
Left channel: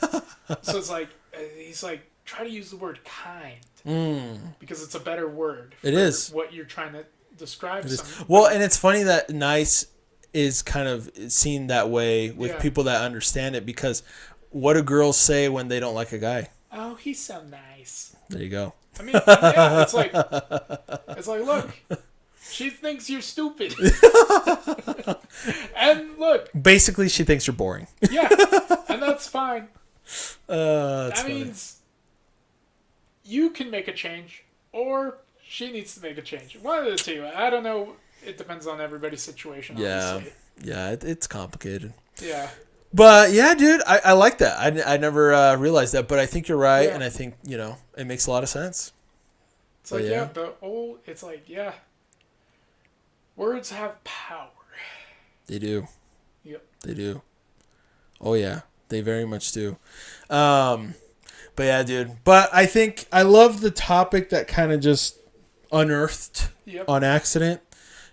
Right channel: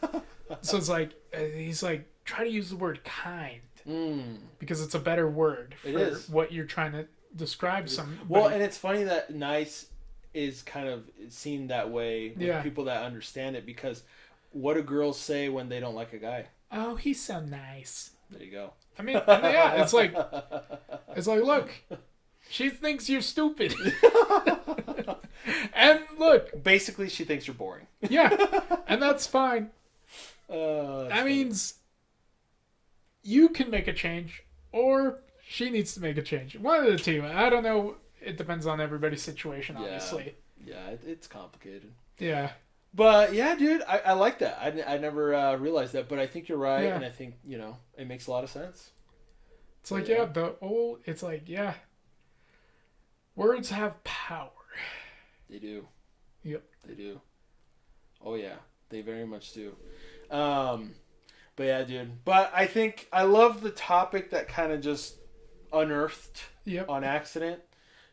So it's like he's like, try to use the word kind because it's a better word. It is what you're trying to describe. Well, and it's funny that nice is kind of seen that way with people that understand it, because what do girls say when they don't like a guy? Oh, he's so nice. There you go. I mean, yeah, it's like, look, She thinks you're stupid. And look. Basically, she thinks you're boring. Yeah, and that's fine. That means you can make a change, or she needs to make a change. One of the two. I don't know. It depends on everybody's situation, obviously. Yeah, it's complicated. Yeah. But yeah, dude, I like that. I never realized that, but I think you're right, and I think, it makes a lot of sense. It's like, words have power. They do. Yep. They do. Oh, yeah. They very much do. But yeah, dude. But I think I love the topic that kind of just unearthed on accident.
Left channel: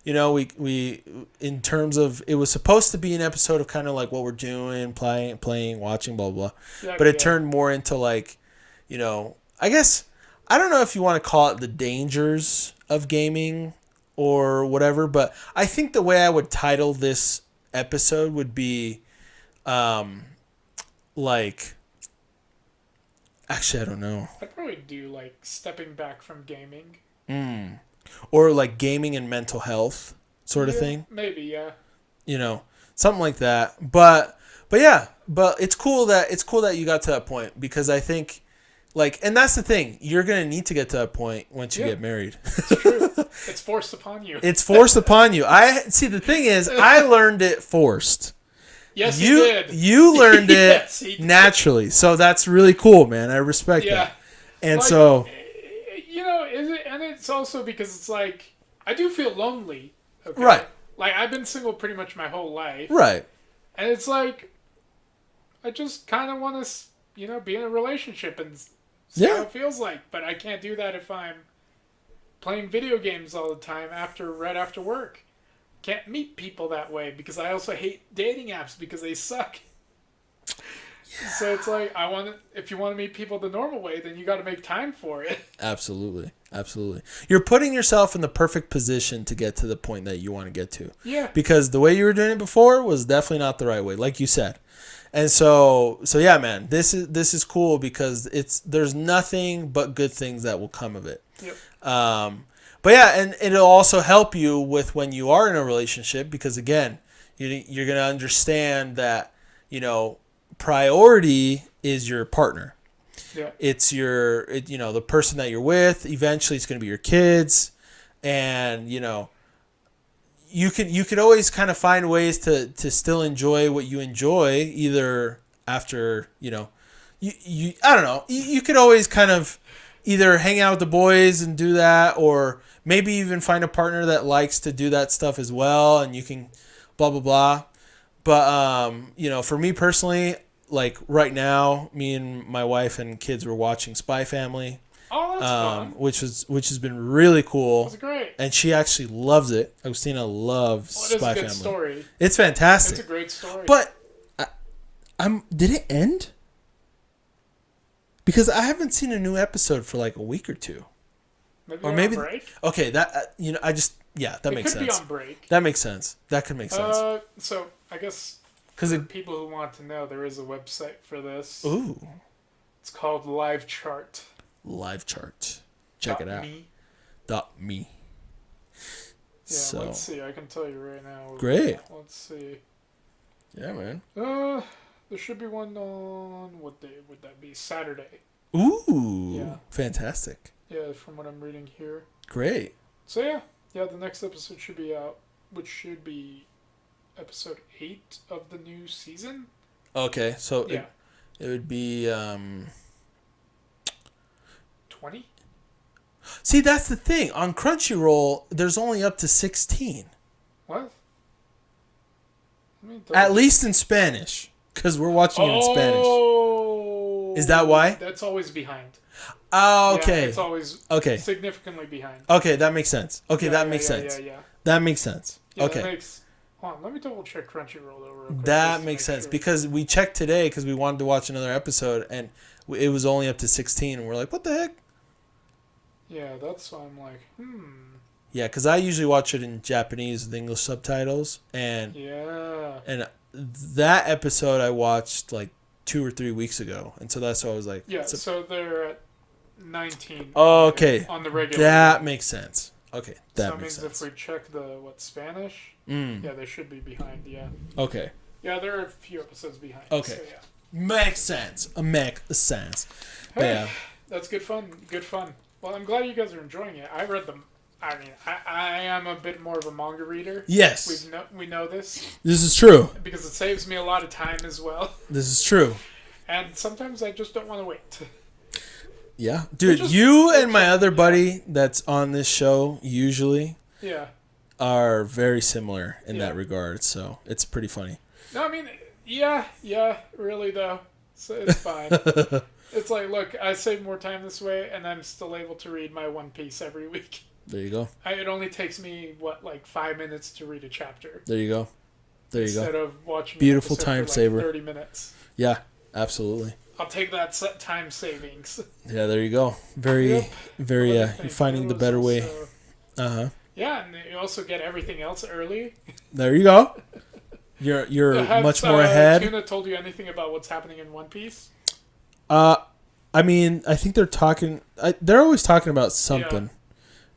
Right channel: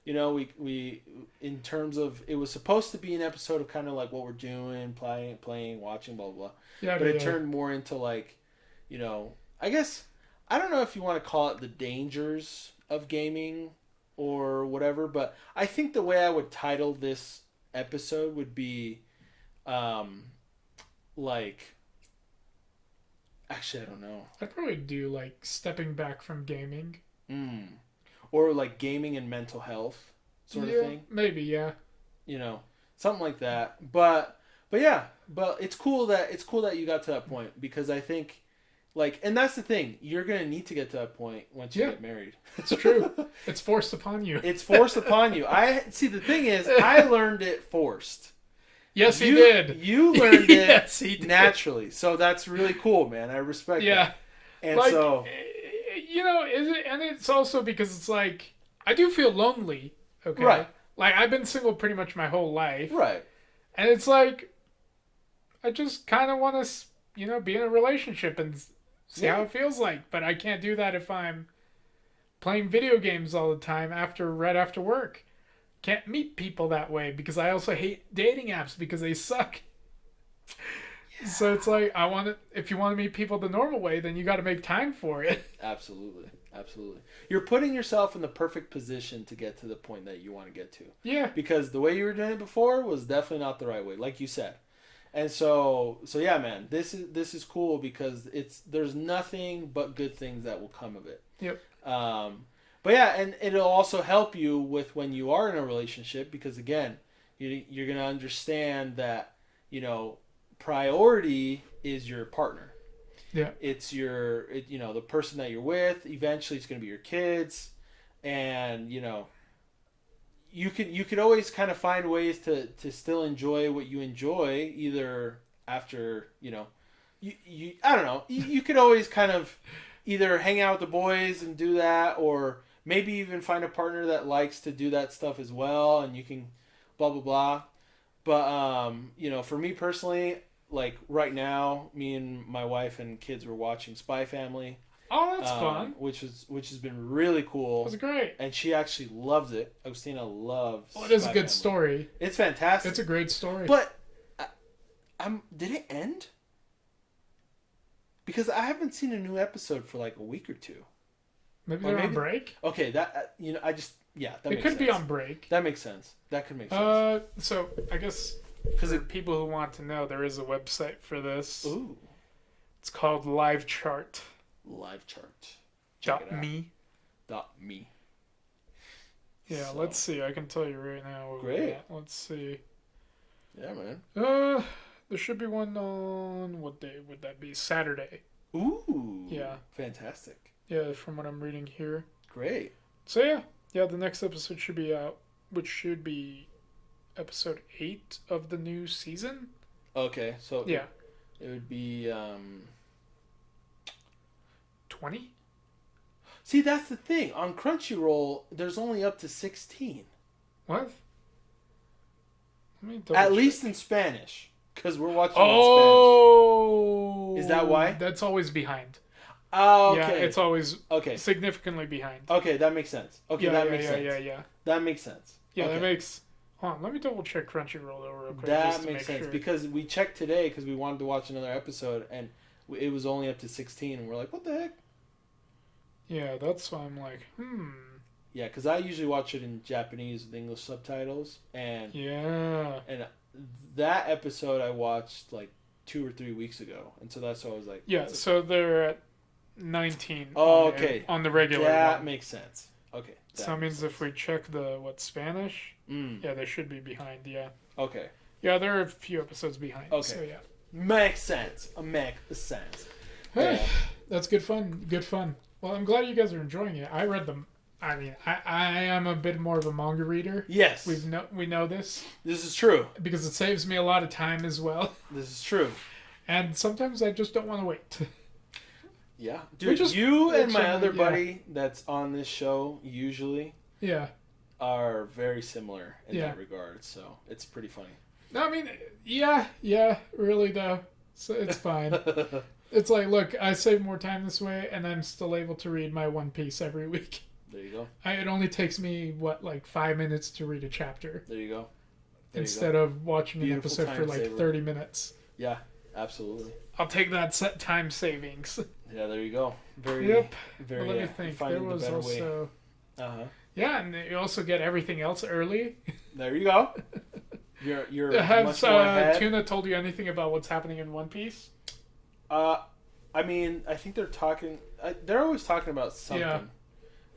We in terms of, it was supposed to be an episode of kind of like what we're doing, playing, watching, blah, blah. Yeah, but it turned more into like, I guess, I don't know if you want to call it the dangers of gaming or whatever, but I think the way I would title this episode would be, actually, I don't know. I'd probably do like stepping back from gaming. Or like gaming and mental health sort of thing. Maybe, yeah. Something like that. But it's cool that you got to that point, because I think, and that's the thing, you're going to need to get to that point once you get married. It's true. It's forced upon you. It's forced upon you. See, the thing is, I learned it forced. Yes, you did. You learned it naturally. So that's really cool, man. I respect that. And so... and it's also because it's like, I do feel lonely. Okay? Right. Like, I've been single pretty much my whole life. Right. And it's like, I just kind of want to, be in a relationship and see how it feels like. But I can't do that if I'm playing video games all the time right after work. Can't meet people that way, because I also hate dating apps because they suck. Yeah. So it's like, if you want to meet people the normal way, then you got to make time for it. Absolutely. You're putting yourself in the perfect position to get to the point that you want to get to. Yeah. Because the way you were doing it before was definitely not the right way, like you said. And so yeah, man, this is cool, because there's nothing but good things that will come of it. Yep. But yeah, and it'll also help you with when you are in a relationship, because again, you're going to understand that, priority is your partner. Yeah. It's the person that you're with. Eventually it's going to be your kids, and you can always kind of find ways to still enjoy what you enjoy, either after, you I don't know, you could always kind of either hang out with the boys and do that, or maybe even find a partner that likes to do that stuff as well, and you can blah blah blah. But for me personally, like right now, me and my wife and kids were watching Spy Family. Oh, that's fun. Which has been really cool. That's great. And she actually loves it. Agustina loves Spy Family. It is a good story. It's fantastic. It's a great story. But did it end? Because I haven't seen a new episode for like a week or two. Maybe on break? Okay, that that makes sense. It could be on break. That makes sense. That could make sense. So I guess for people who want to know, there is a website for this. Ooh. It's called Live Chart. Live Chart. Check it out. .me. Yeah, so. Let's see. I can tell you right now. Great. Let's see. Yeah, man. There should be one on, what day would that be? Saturday. Ooh. Yeah. Fantastic. Yeah, from what I'm reading here. Great. So yeah, the next episode should be out, which should be episode 8 of the new season. Okay, so yeah, it would be 20. See, that's the thing. On Crunchyroll, there's only up to 16. What? At least in Spanish, because we're watching it in Spanish. Oh, is that why? That's always behind. Oh, okay. Yeah, it's always significantly behind. Okay, that makes sense. Okay, that makes sense. Yeah. That makes sense. Yeah, okay. That makes... Hold on, let me double check Crunchyroll though real quick. That makes sense, because we checked today because we wanted to watch another episode, and it was only up to 16, and we're like, what the heck? Yeah, that's why I'm like, Yeah, because I usually watch it in Japanese with English subtitles, and that episode I watched like 2 or 3 weeks ago, and so that's why I was like, so they're at 19. Okay, on the regular. That makes sense. Okay, So that that makes means if sense. we check the Spanish, yeah, they should be behind. Yeah, Okay. yeah, they're a few episodes behind. Okay. So yeah, Makes sense. Makes sense. But yeah. that's good fun. Good fun. Well, I'm glad you guys are enjoying it. I read them. I mean, I am a bit more of a manga reader. Yes. We know this This is true. because it saves me a lot of time as well. This is true. And sometimes I just don't want to wait. Yeah. Dude, you and my other buddy that's on this show usually Yeah. are very similar in that regard, so it's pretty funny. No, I mean, yeah, really though. So it's fine. It's like, look, I save more time this way, and I'm still able to read my One Piece every week. There you go. It only takes me, 5 minutes to read a chapter. There you go. There you go. Instead of watching beautiful an episode time for saver. 30 minutes. Yeah, absolutely. I'll take that time savings. Yeah, there you go. Very, you're finding the better way. Yeah, and you also get everything else early. There you go. You're much more ahead. Tuna told you anything about what's happening in One Piece? I mean, I think they're talking. They're always talking about something,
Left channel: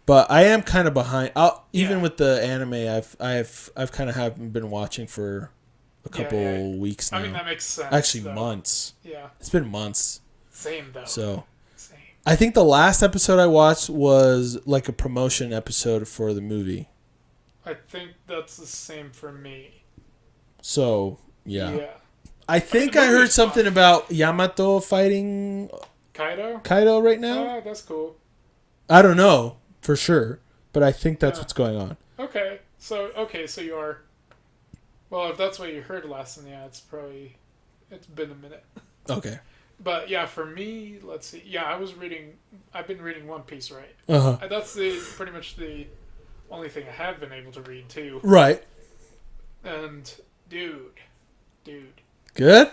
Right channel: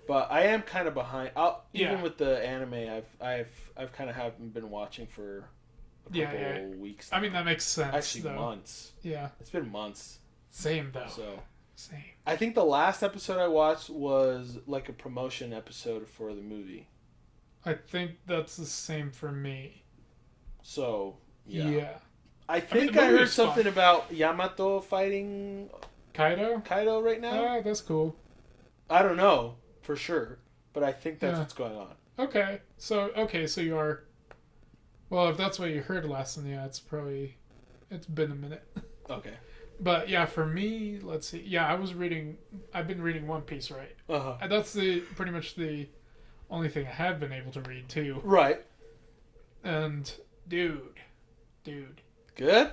but I am kind of behind. Even with the anime, I've kind of haven't been watching for a couple weeks now. I mean, that makes sense. Actually, months. Yeah, it's been months. Same though. So, same. I think the last episode I watched was like a promotion episode for the movie. I think that's the same for me. So yeah. I think I I heard something about Yamato fighting Kaido right now. That's cool. I don't know for sure, but I think that's what's going on. Okay, so you are. Well, if that's what you heard last time, it's been a minute. Okay. But yeah, for me, let's see. Yeah, I've been reading One Piece, right? And that's pretty much the only thing I have been able to read too. Right. And dude. Good?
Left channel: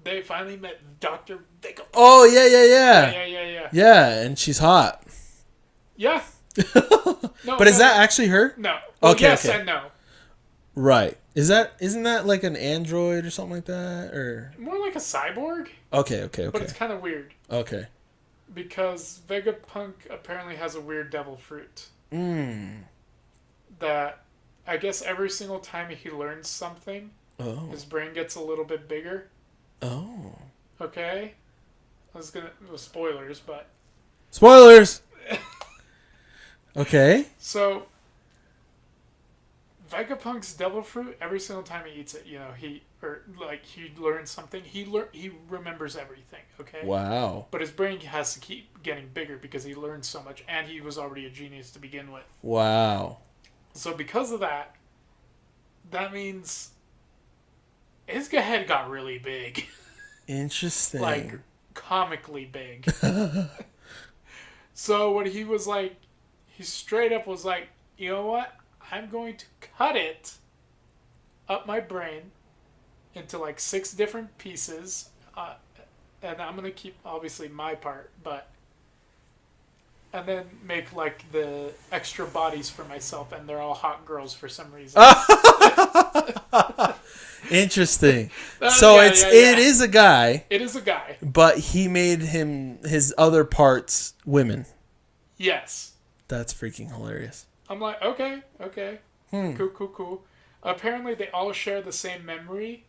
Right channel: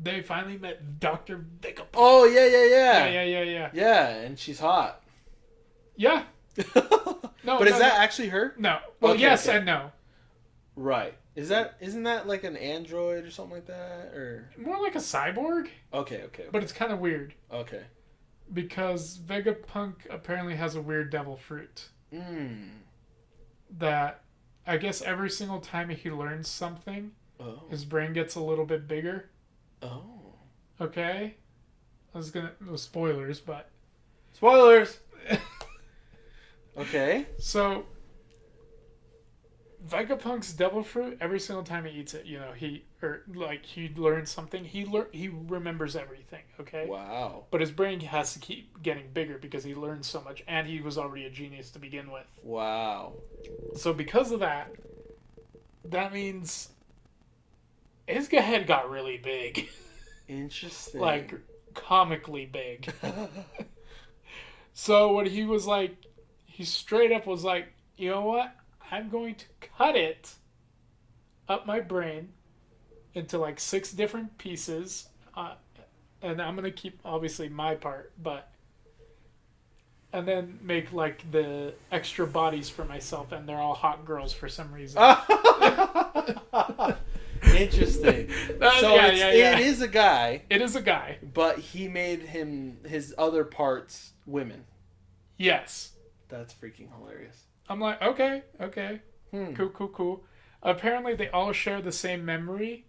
They finally met Dr. Vegapunk. Oh, yeah. Yeah, and she's hot. Yeah. But is that actually her? No. Well, okay, yes okay. and no. Right. Isn't that like an android or something like that? Or more like a cyborg? Okay. But it's kind of weird. Okay. Because Vegapunk apparently has a weird devil fruit. That I guess every single time he learns something, his brain gets a little bit bigger. Oh. Okay? Spoilers, but... Spoilers! Okay. So, Vegapunk's devil fruit, every single time he eats it, he learns something, he remembers everything, okay? Wow. But his brain has to keep getting bigger because he learns so much, and he was already a genius to begin with. Wow. So because of that means his head got really big. Interesting. Like, comically big. So what he was like, he straight up was like, you know what? I'm going to cut it up my brain into like 6 different pieces. And I'm going to keep, obviously, my part, and then make like the extra bodies for myself, and they're all hot girls for some reason. Interesting. So it is a guy. It is a guy. But he made his other parts women. Yes. That's freaking hilarious. I'm like, okay. Cool. Apparently they all share the same memory.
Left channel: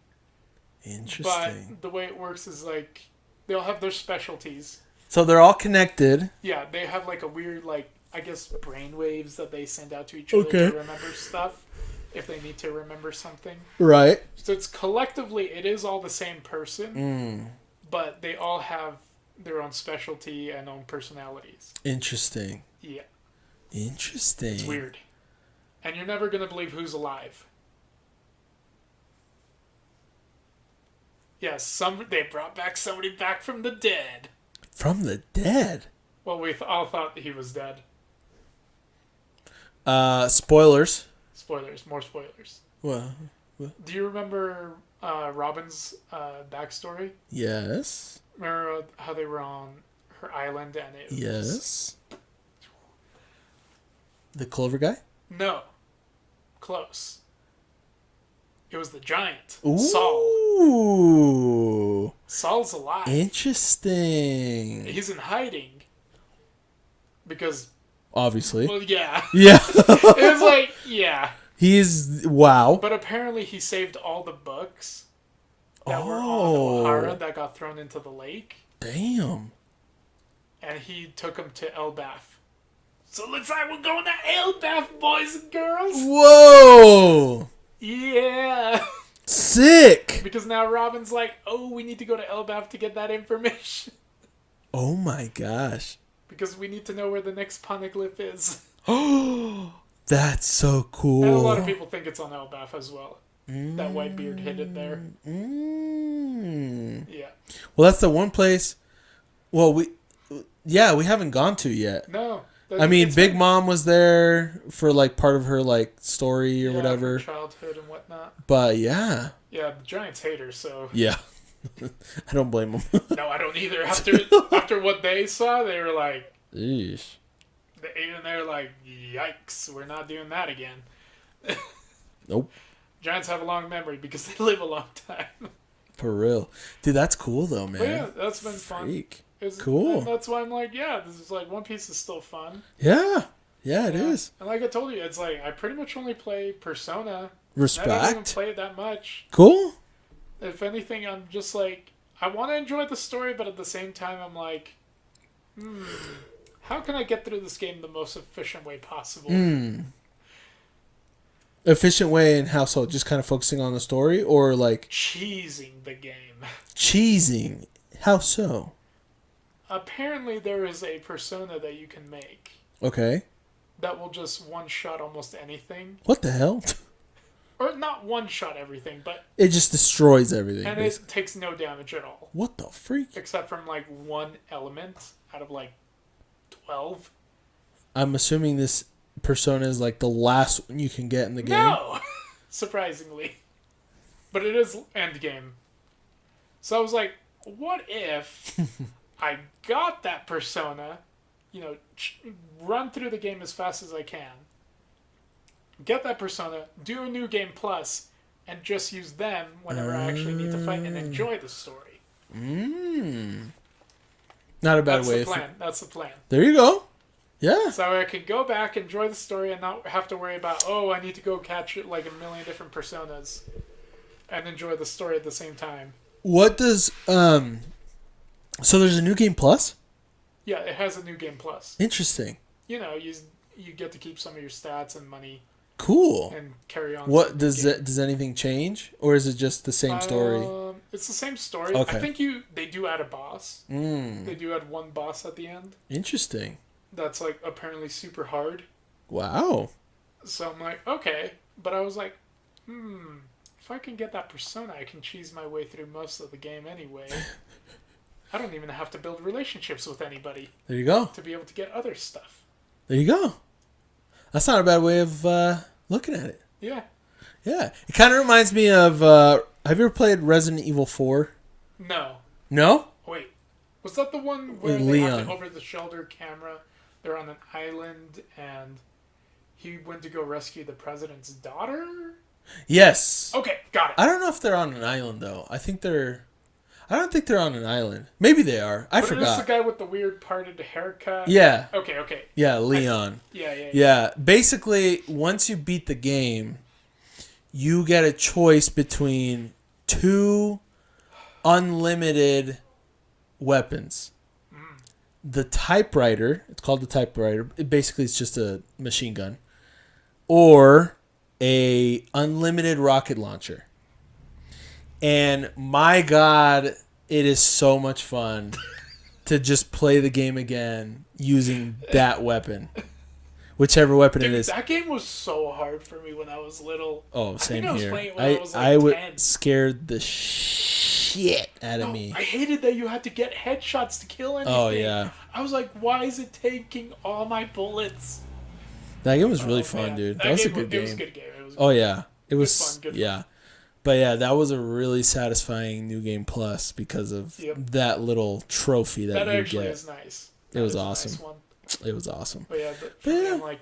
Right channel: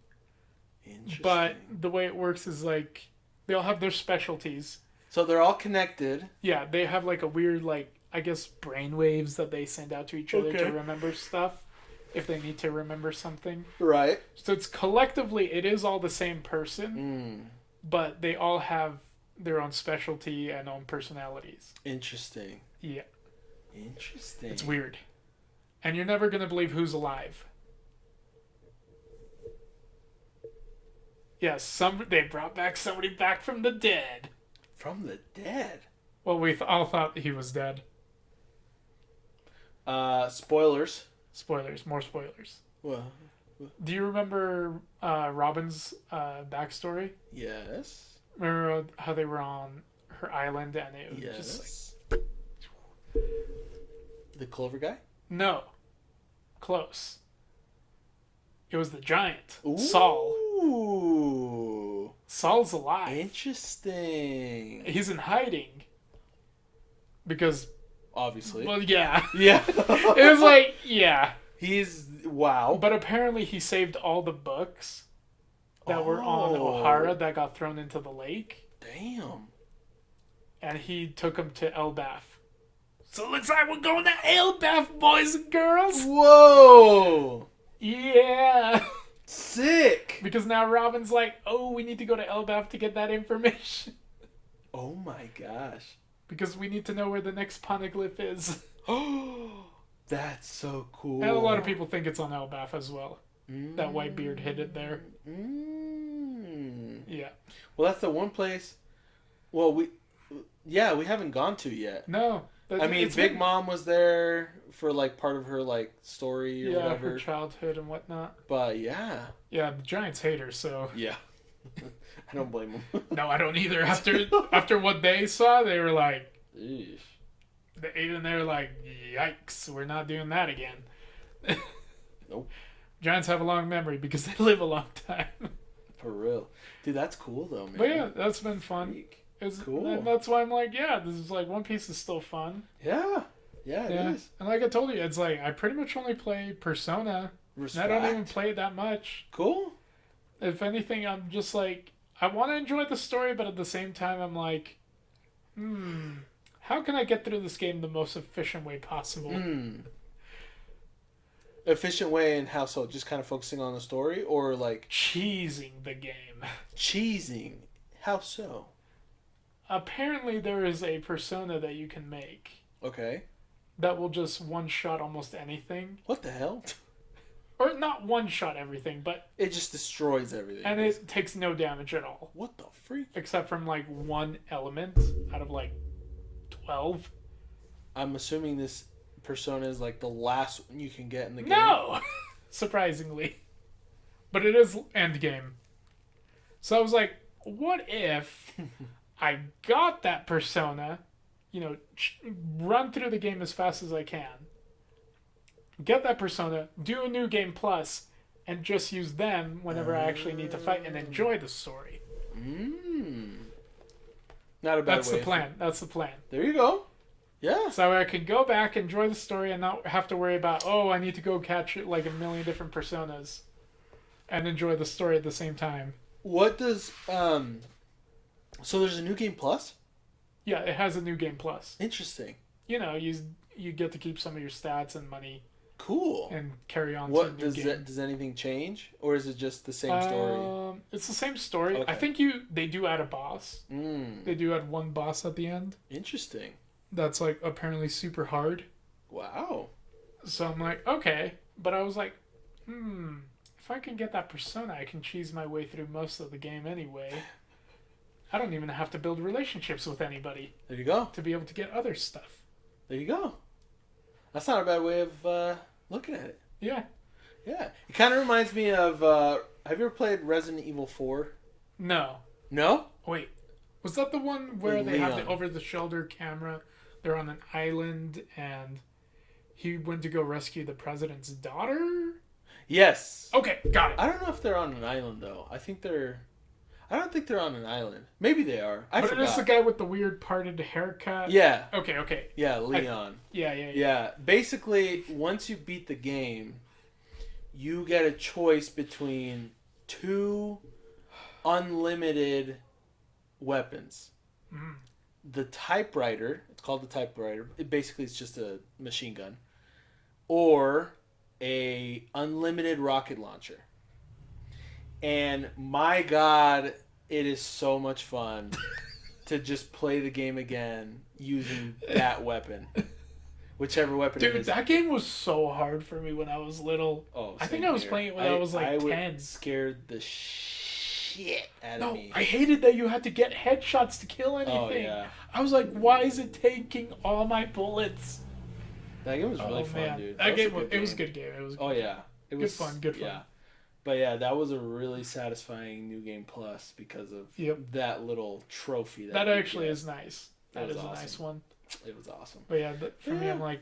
Interesting. But the way it works is like they all have their specialties. So they're all connected. Yeah, they have like a weird, like, I guess, brain waves that they send out to each other to remember stuff if they need to remember something. Right. So it's collectively, it is all the same person, but they all have their own specialty and own personalities. Interesting. Yeah. Interesting. It's weird. And you're never going to believe who's alive. Yes, they brought somebody back from the dead. From the dead? Well, we all thought he was dead. Spoilers. More spoilers. What? Do you remember Robin's backstory? Yes. Remember how they were on her island and it was... Yes. The Clover guy? No. Close. It was the giant. Ooh. Saul. Saul's alive. Interesting. He's in hiding. Because obviously. Well, yeah. Yeah. It was like, yeah. Wow. But apparently he saved all the books that were on Oh. O'Hara that got thrown into the lake. Damn. And he took them to Elbath. So it looks like we're going to Elbath, boys and girls. Whoa. Yeah. Sick. Because now Robin's like, oh, we need to go to Elbath to get that information. Oh my gosh. Because we need to know where the next poneglyph is. Oh, that's so cool. And a lot of people think it's on Elbath as well. That Whitebeard hid it there. Yeah. Well, that's the one place. Well, we haven't gone to yet. No. I mean, Big Mom was there for like part of her like story or whatever. Her childhood and whatnot. But yeah. Yeah, the Giants hate her, so. Yeah. I don't blame them. No, I don't either. After what they saw, they were like, Eesh. they were like, yikes, we're not doing that again. Nope. Giants have a long memory because they live a long time. For real. Dude, that's cool though, man. But yeah, that's been fun. Cool. And that's why I'm like, yeah, this is like One Piece is still fun. Yeah. Yeah, it is. And like I told you, it's like I pretty much only play Persona. Respect. I don't even play it that much. Cool. If anything, I'm just like, I want to enjoy the story, but at the same time, I'm like, how can I get through this game the most efficient way possible? Efficient way in how so? Just kind of focusing on the story or like... Cheesing the game. Cheesing? How so? Apparently there is a persona that you can make. Okay. That will just one-shot almost anything. What the hell? Or not one-shot everything, but... It just destroys everything. And basically. it takes no damage at all. What the freak? Except from like one element out of like 12. I'm assuming this persona is like the last one you can get in the game. No! Surprisingly. But it is endgame. So I was like, what if I got that persona, run through the game as fast as I can, get that persona, do a new game plus, and just use them whenever I actually need to fight and enjoy the story. Not a bad way. That's the plan. There you go. Yeah. So I could go back, enjoy the story, and not have to worry about, I need to go catch like a million different personas and enjoy the story at the same time. What does so there's a new game plus? Yeah, it has a new game plus. Interesting. You get to keep some of your stats and money. Cool. And carry on. What does anything change, or is it just the same story? It's the same story. Okay. I think they do add a boss. They do add one boss at the end. Interesting. That's like apparently super hard. Wow. So I'm like, okay, but I was like, if I can get that persona, I can cheese my way through most of the game anyway. I don't even have to build relationships with anybody. There you go. To be able to get other stuff. There you go. That's not a bad way of looking at it. Yeah. Yeah. It kind of reminds me of... have you ever played Resident Evil 4? No. No? Wait. Was that the one where they Leon. have the over-the-shoulder camera? They're on an island and he went to go rescue the president's daughter? Yes. Okay, got it. I don't know if they're on an island, though. I don't think they're on an island. Maybe they are. I forgot. Is this the guy with the weird parted haircut? Yeah. Okay. Yeah, Leon. Yeah. Basically, once you beat the game, you get a choice between 2 unlimited weapons. The typewriter, it's called the typewriter. Basically, it's just a machine gun. Or a unlimited rocket launcher. And my God, it is so much fun to just play the game again using that weapon. Whichever weapon it is. That game was so hard for me when I was little. Oh, same I think here. I was playing it when I was like 10. Scared the shit out of me. I hated that you had to get headshots to kill anything. Oh, yeah. I was like, why is it taking all my bullets? That game was really fun, dude. That was a good game. It was a good game. It was fun. Good yeah. fun. But yeah, that was a really satisfying new game plus because of that little trophy that you actually get. is nice. It was awesome. A nice one. It was awesome. But yeah, for me, I'm like,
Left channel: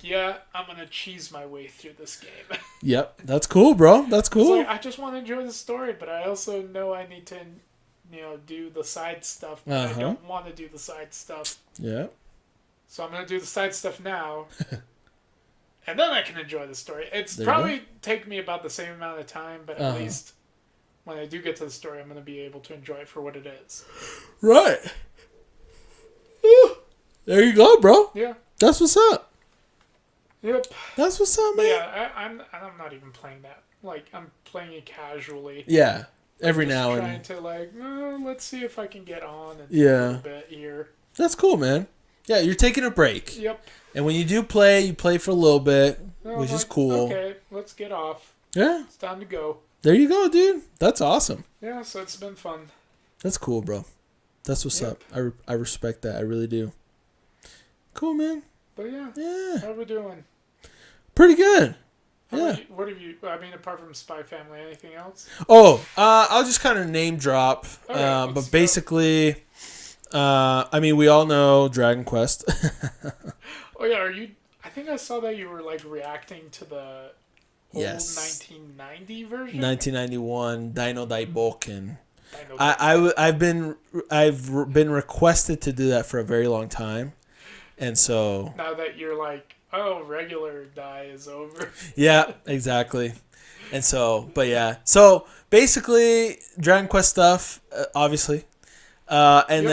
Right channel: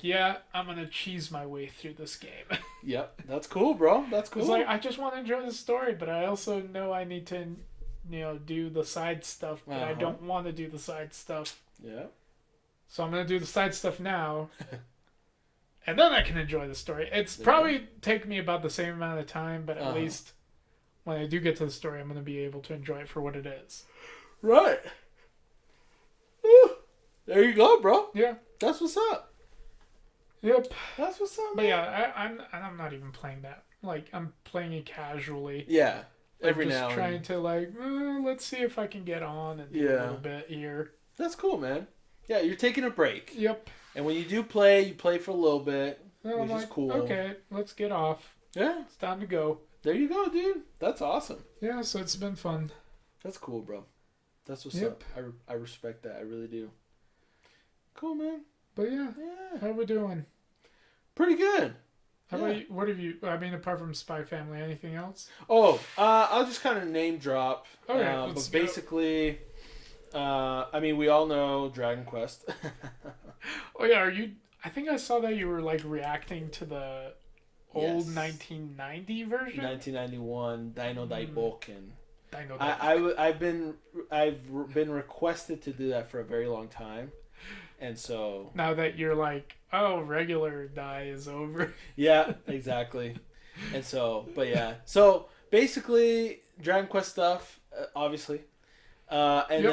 I'm gonna cheese my way through this game. Yep, that's cool, bro. That's cool. It's like, I just want to enjoy the story, but I also know I need to, do the side stuff. But I don't want to do the side stuff. Yeah. So I'm gonna do the side stuff now, and then I can enjoy the story. It's There probably take me about the same amount of time, but at Uh-huh. least when I do get to the story, I'm gonna be able to enjoy it for what it is. Right. There you go, bro. Yeah. That's what's up. Yep. That's what's up, But man. yeah, I'm not even playing that. Like, I'm playing it casually. Yeah. Every Just now and trying to like, let's see if I can get on a Yeah. little bit here. That's cool, man. Yeah, you're taking a break. Yep. And when you do play, you play for a little bit, And which I'm is like, cool. Okay, let's get off. Yeah. It's time to go. There you go, dude. That's awesome. Yeah, so it's been fun. That's cool, bro. That's what's Yep. up. I respect that. I really do. Cool, man. But yeah, Yeah. how are we doing? Pretty good. What have you? I mean, apart from Spy Family, anything else? Oh, I'll just kind of name drop. Okay, let's But go. basically, I mean, we all know Dragon Quest. Oh yeah, are you? I think I saw that you were like reacting to the old Yes. 1990 version. 1991 Dino Daiboken. I know that. I've been requested to do that for a very long time, and so Now that you're like, oh, regular die is over. yeah, exactly. And so, but yeah, so basically Dragon Quest stuff, obviously, and Yep.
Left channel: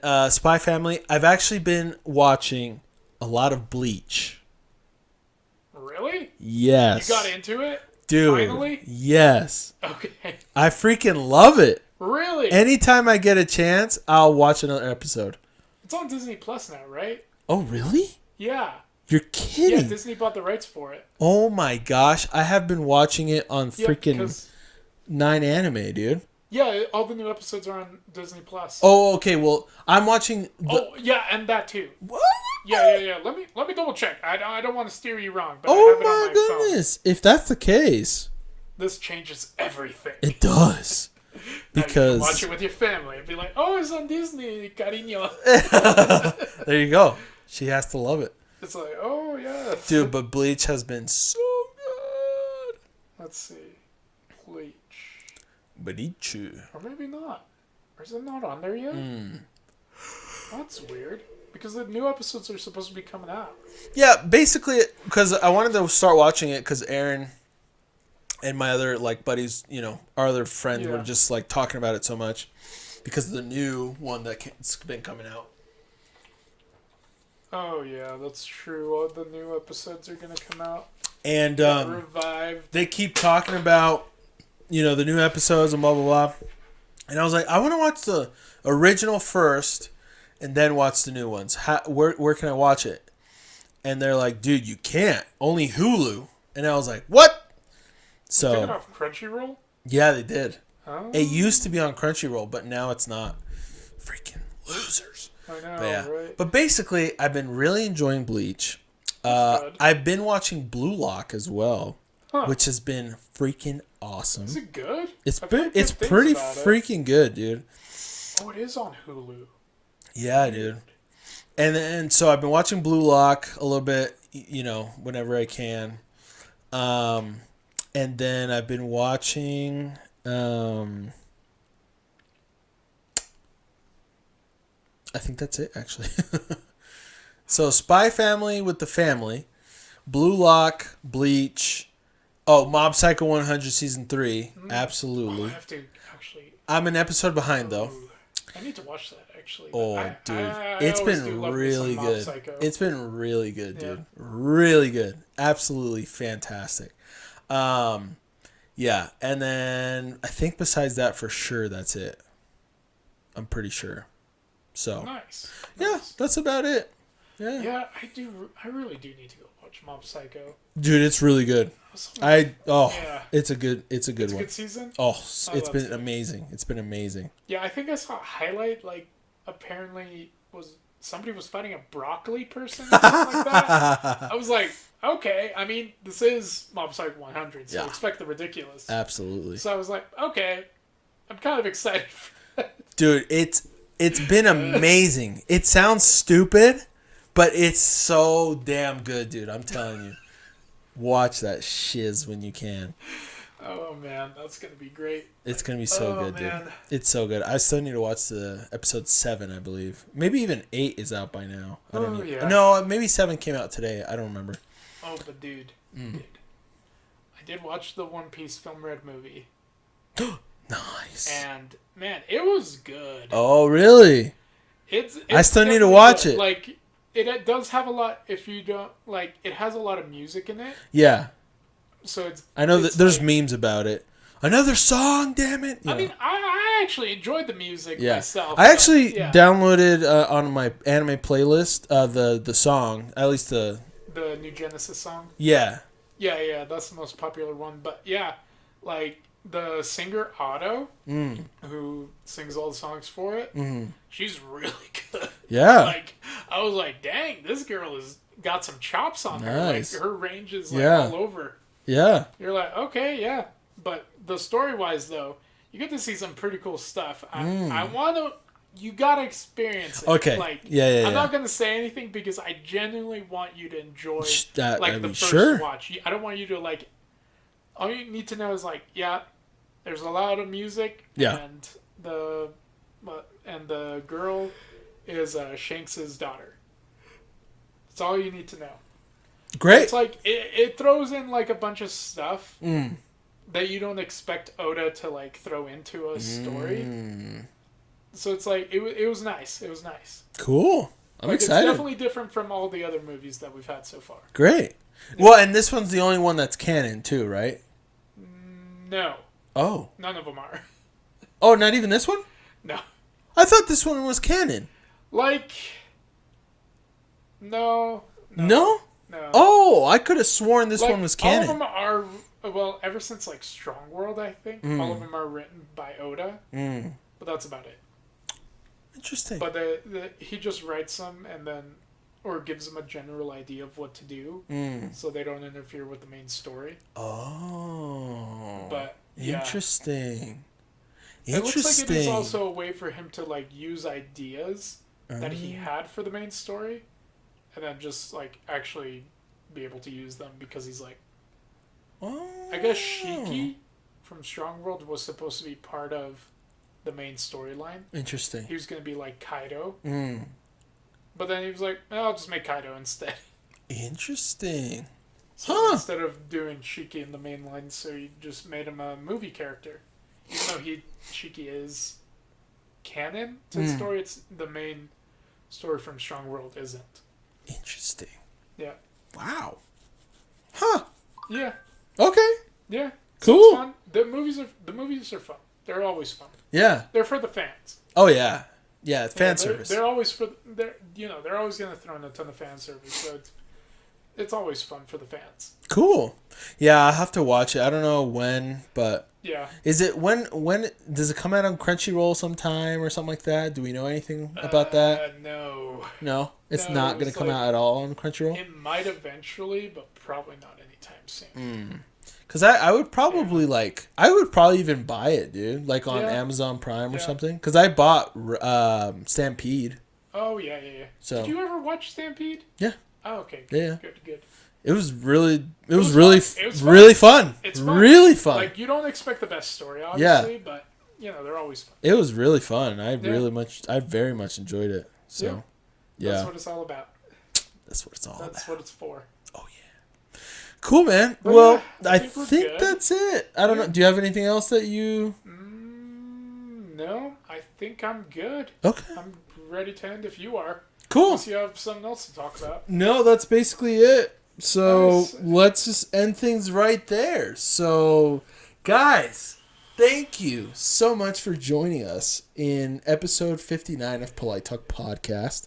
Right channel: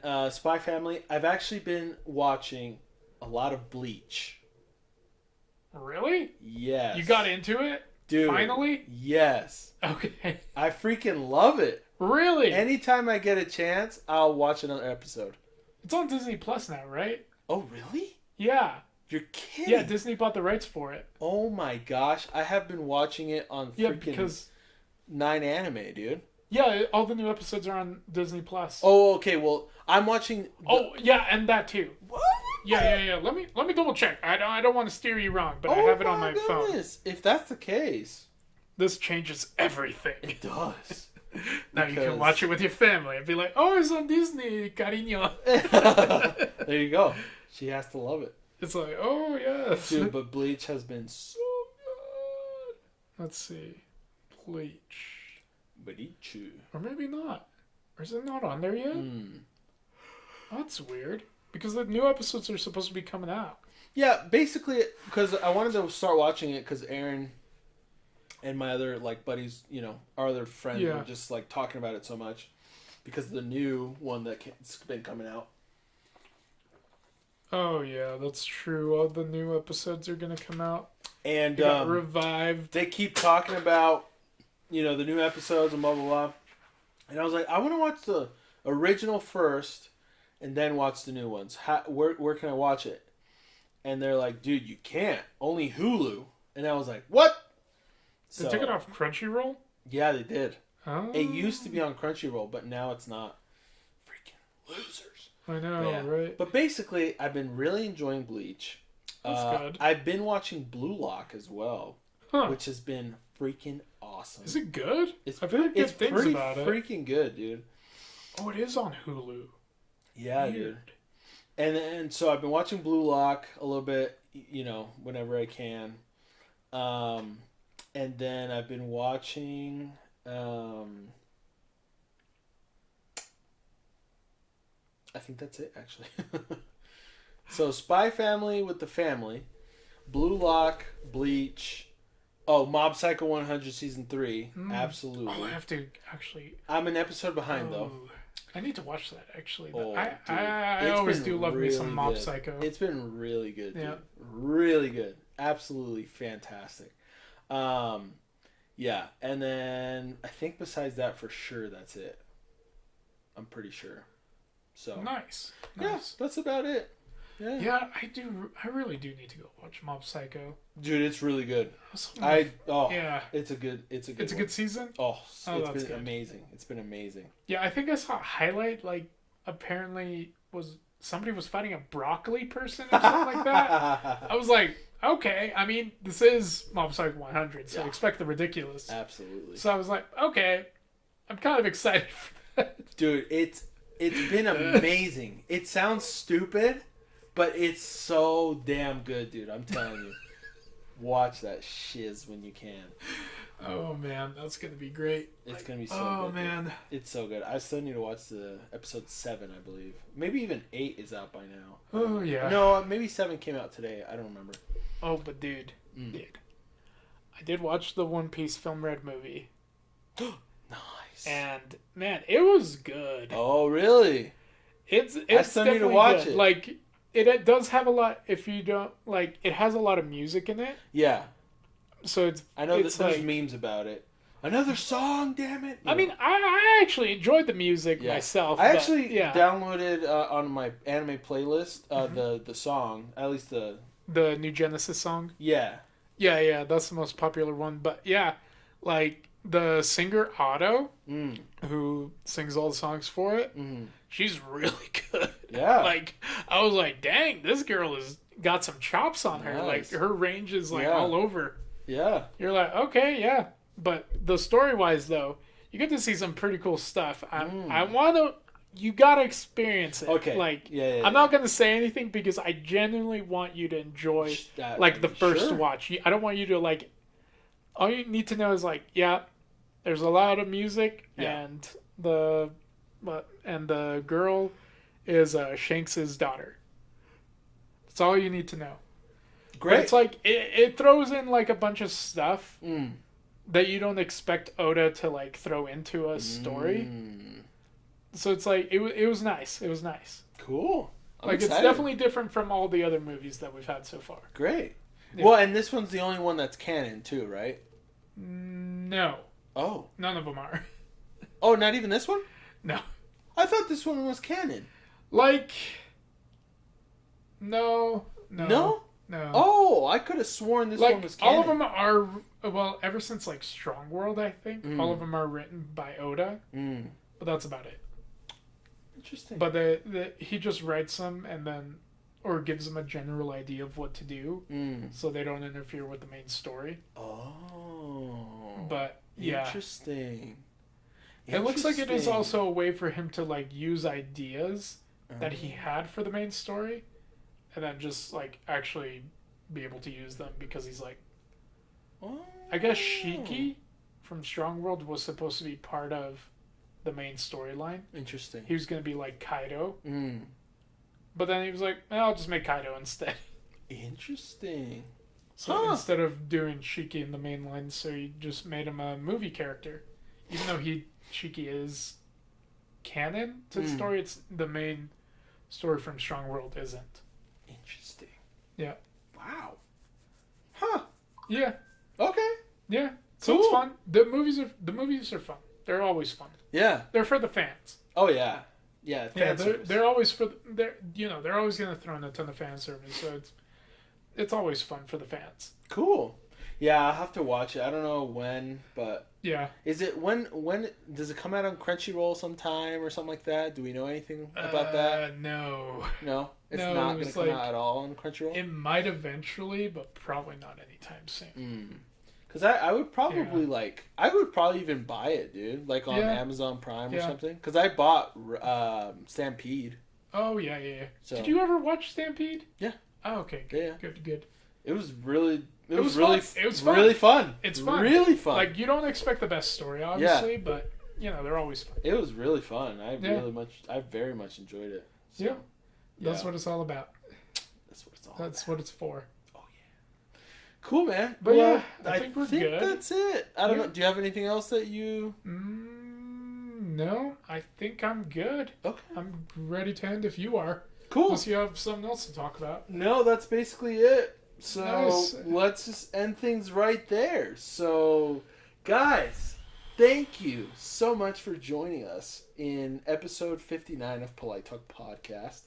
then Spy Family. I've actually been watching a lot of Bleach. Really? Yes, You got into it? dude. Finally? Yes, Okay. I freaking love it. Really? Anytime I get a chance, I'll watch another episode. It's on Disney Plus now, right? Oh, really? Yeah. You're Yeah, kidding? Disney bought the rights for it. Oh my gosh, I have been watching it on Yeah, freaking because 9anime, dude. yeah, all the new episodes are on Disney Plus. Oh, okay. Well, I'm watching. Oh, yeah, and that too. What? Yeah. Let me double check. I don't want to steer you wrong, but I Oh have it on my my phone. goodness! If that's the case, This changes everything. it does. Now you can watch Because it with your family and be like, "Oh, it's on Disney, cariño." there you go. She has to love it, It's like, "Oh yeah." dude. But Bleach has been so good. Let's see, Bleach, Bleach. or maybe not. Or is it not on there yet? Hmm. That's weird. Because the new episodes are supposed to be coming out. Yeah, basically, because I wanted to start watching it because Aaron and my other like buddies, our other friends were Yeah. just like talking about it so much because of the new one that's been coming out. Oh yeah, that's true. All the new episodes are gonna come out. And Got revived. they keep talking about, the new episodes and blah, blah, blah. And I was like, I want to watch the original first and then watch the new ones. Where can I watch it? And they're like, dude, you can't. Only Hulu. And I was like, what? They took it So, off Crunchyroll? yeah, they did. Oh, It used to be on Crunchyroll, but now it's not. Freaking losers. I know, But yeah. right? But basically, I've been really enjoying Bleach. That's good. I've been watching Blue Lock as well, Huh. which has been freaking awesome. Is it good? It's I've pretty, heard good it's things pretty about it. freaking good, dude. Oh, it is on Hulu. Yeah, dude. And so I've been watching Blue Lock a little bit, whenever I can. And then I've been watching I think that's it actually. So Spy Family with the family, Blue Lock, Bleach, Mob Psycho 100 season 3, Oh, I absolutely. have to actually. I'm an episode behind though. Ooh, I need to watch that actually. Oh, dude, it's always been do love me really some Mob good. Psycho. It's been really good, dude. Yeah. Really good. Absolutely fantastic. Yeah, and then I think besides that, for sure, that's it. I'm pretty sure. So Nice. yeah, Nice. that's about it. Yeah, Yeah, I do. I really do need to go watch Mob Psycho. dude, it's really good. Yeah. It's a good It's a one. good season. Oh, Oh, it's that's been good. amazing. It's been amazing. Yeah, I think I saw a highlight. Like, apparently, somebody was fighting a broccoli person or something like that. I was like, okay. I mean, this is Mob Psycho 100, so Yeah. expect the ridiculous. Absolutely, So I was like, okay, I'm kind of excited for that. dude. It's been amazing. It sounds stupid, but it's so damn good, dude. I'm telling you. Watch that shiz when you can. Oh man, that's gonna be great. It's gonna be so good, man. dude. It's so good. I still need to watch the episode 7, I believe. Maybe even 8 is out by now. Yeah. No, maybe 7 came out today. I don't remember. Oh, but dude, I did watch the One Piece Film Red movie. Nice. And man, it was good. Oh, really? It's I still need to watch it. Like it does have a lot. If you don't like, it has a lot of music in it. Yeah. So it's. I know that there's like, memes about it. Another song, damn it! I mean, I actually enjoyed the music myself. I actually downloaded on my anime playlist the song, at least the New Genesis song. Yeah. Yeah, that's the most popular one. But yeah, like the singer Otto, who sings all the songs for it, she's really good. Yeah. Like I was like, dang, this girl has got some chops on her. Like her range is like all over. Yeah. You're like, okay, yeah. But the story-wise, though, you get to see some pretty cool stuff. I want to... You got to experience it. Okay. Like, I'm not going to say anything because I genuinely want you to enjoy, the first watch. I don't want you to, like... All you need to know is, like, there's a lot of music. Yeah. And the girl is Shanks' daughter. That's all you need to know. Great. It's like, it throws in, like, a bunch of stuff... that you don't expect Oda to like throw into a story. So it's like it was nice. It was nice. Cool. I'm excited. It's definitely different from all the other movies that we've had so far. Great. Yeah. Well, and this one's the only one that's canon too, right? No. Oh. None of them are. Oh, not even this one? No. I thought this one was canon. Like No? No. Oh, I could have sworn this one was canon. All of them are. Well, ever since like Strong World, I think all of them are written by Oda, but that's about it. Interesting. But he just writes them and then, or gives them a general idea of what to do, so they don't interfere with the main story. Oh. But interesting. It looks like it is also a way for him to like use ideas that he had for the main story, and then just like actually be able to use them because he's like. I guess Shiki from Strong World was supposed to be part of the main storyline. Interesting. He was going to be like Kaido. But then he was like, I'll just make Kaido instead. Interesting. So instead of doing Shiki in the main line, so he just made him a movie character. Even though Shiki is canon to the story, it's the main story from Strong World isn't. Interesting. Yeah. Wow. Huh. Yeah. Okay. Yeah. Cool. So it's fun. The movies are fun. They're always fun. Yeah. They're for the fans. Oh yeah. Yeah, fan service. They're always they're always going to throw in a ton of fan service. So it's always fun for the fans. Cool. Yeah, I'll have to watch it. I don't know when, but yeah. Is it when does it come out on Crunchyroll sometime or something like that? Do we know anything about that? No. No? It's not going to come out at all on Crunchyroll? It might eventually, but probably not anytime soon. Because I would probably I would probably even buy it, dude. Like on Amazon Prime or something. Because I bought Stampede. Oh, yeah. So, did you ever watch Stampede? Yeah. Oh, okay. Yeah. Good. It was really fun. It's fun. Really fun. Like, you don't expect the best story, obviously, but, they're always fun. It was really fun. I very much enjoyed it. So, That's what it's all about. That's what it's all about. That's what it's for. Oh, yeah. Cool, man. But well, I think that's it. I don't know. Do you have anything else that you... No, I think I'm good. Okay. I'm ready to end if you are. Cool. Unless you have something else to talk about. No, that's basically it. So Nice. Let's just end things right there. So, guys, thank you so much for joining us in episode 59 of Polite Talk Podcast.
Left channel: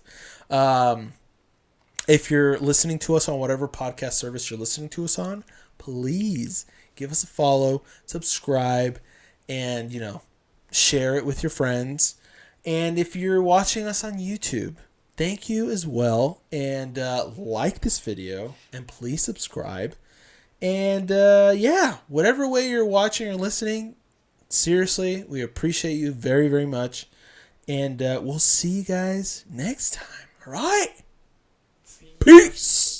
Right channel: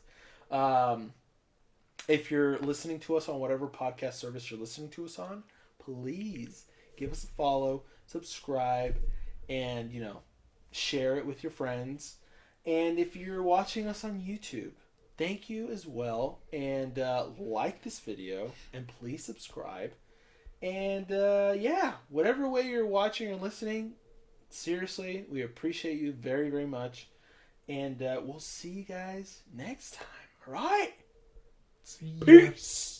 If you're listening to us on whatever podcast service you're listening to us on, please give us a follow, subscribe, and, share it with your friends. And if you're watching us on YouTube, thank you as well. And like this video. And please subscribe. And whatever way you're watching or listening, seriously, we appreciate you very, very much. And we'll see you guys next time. All right? Peace.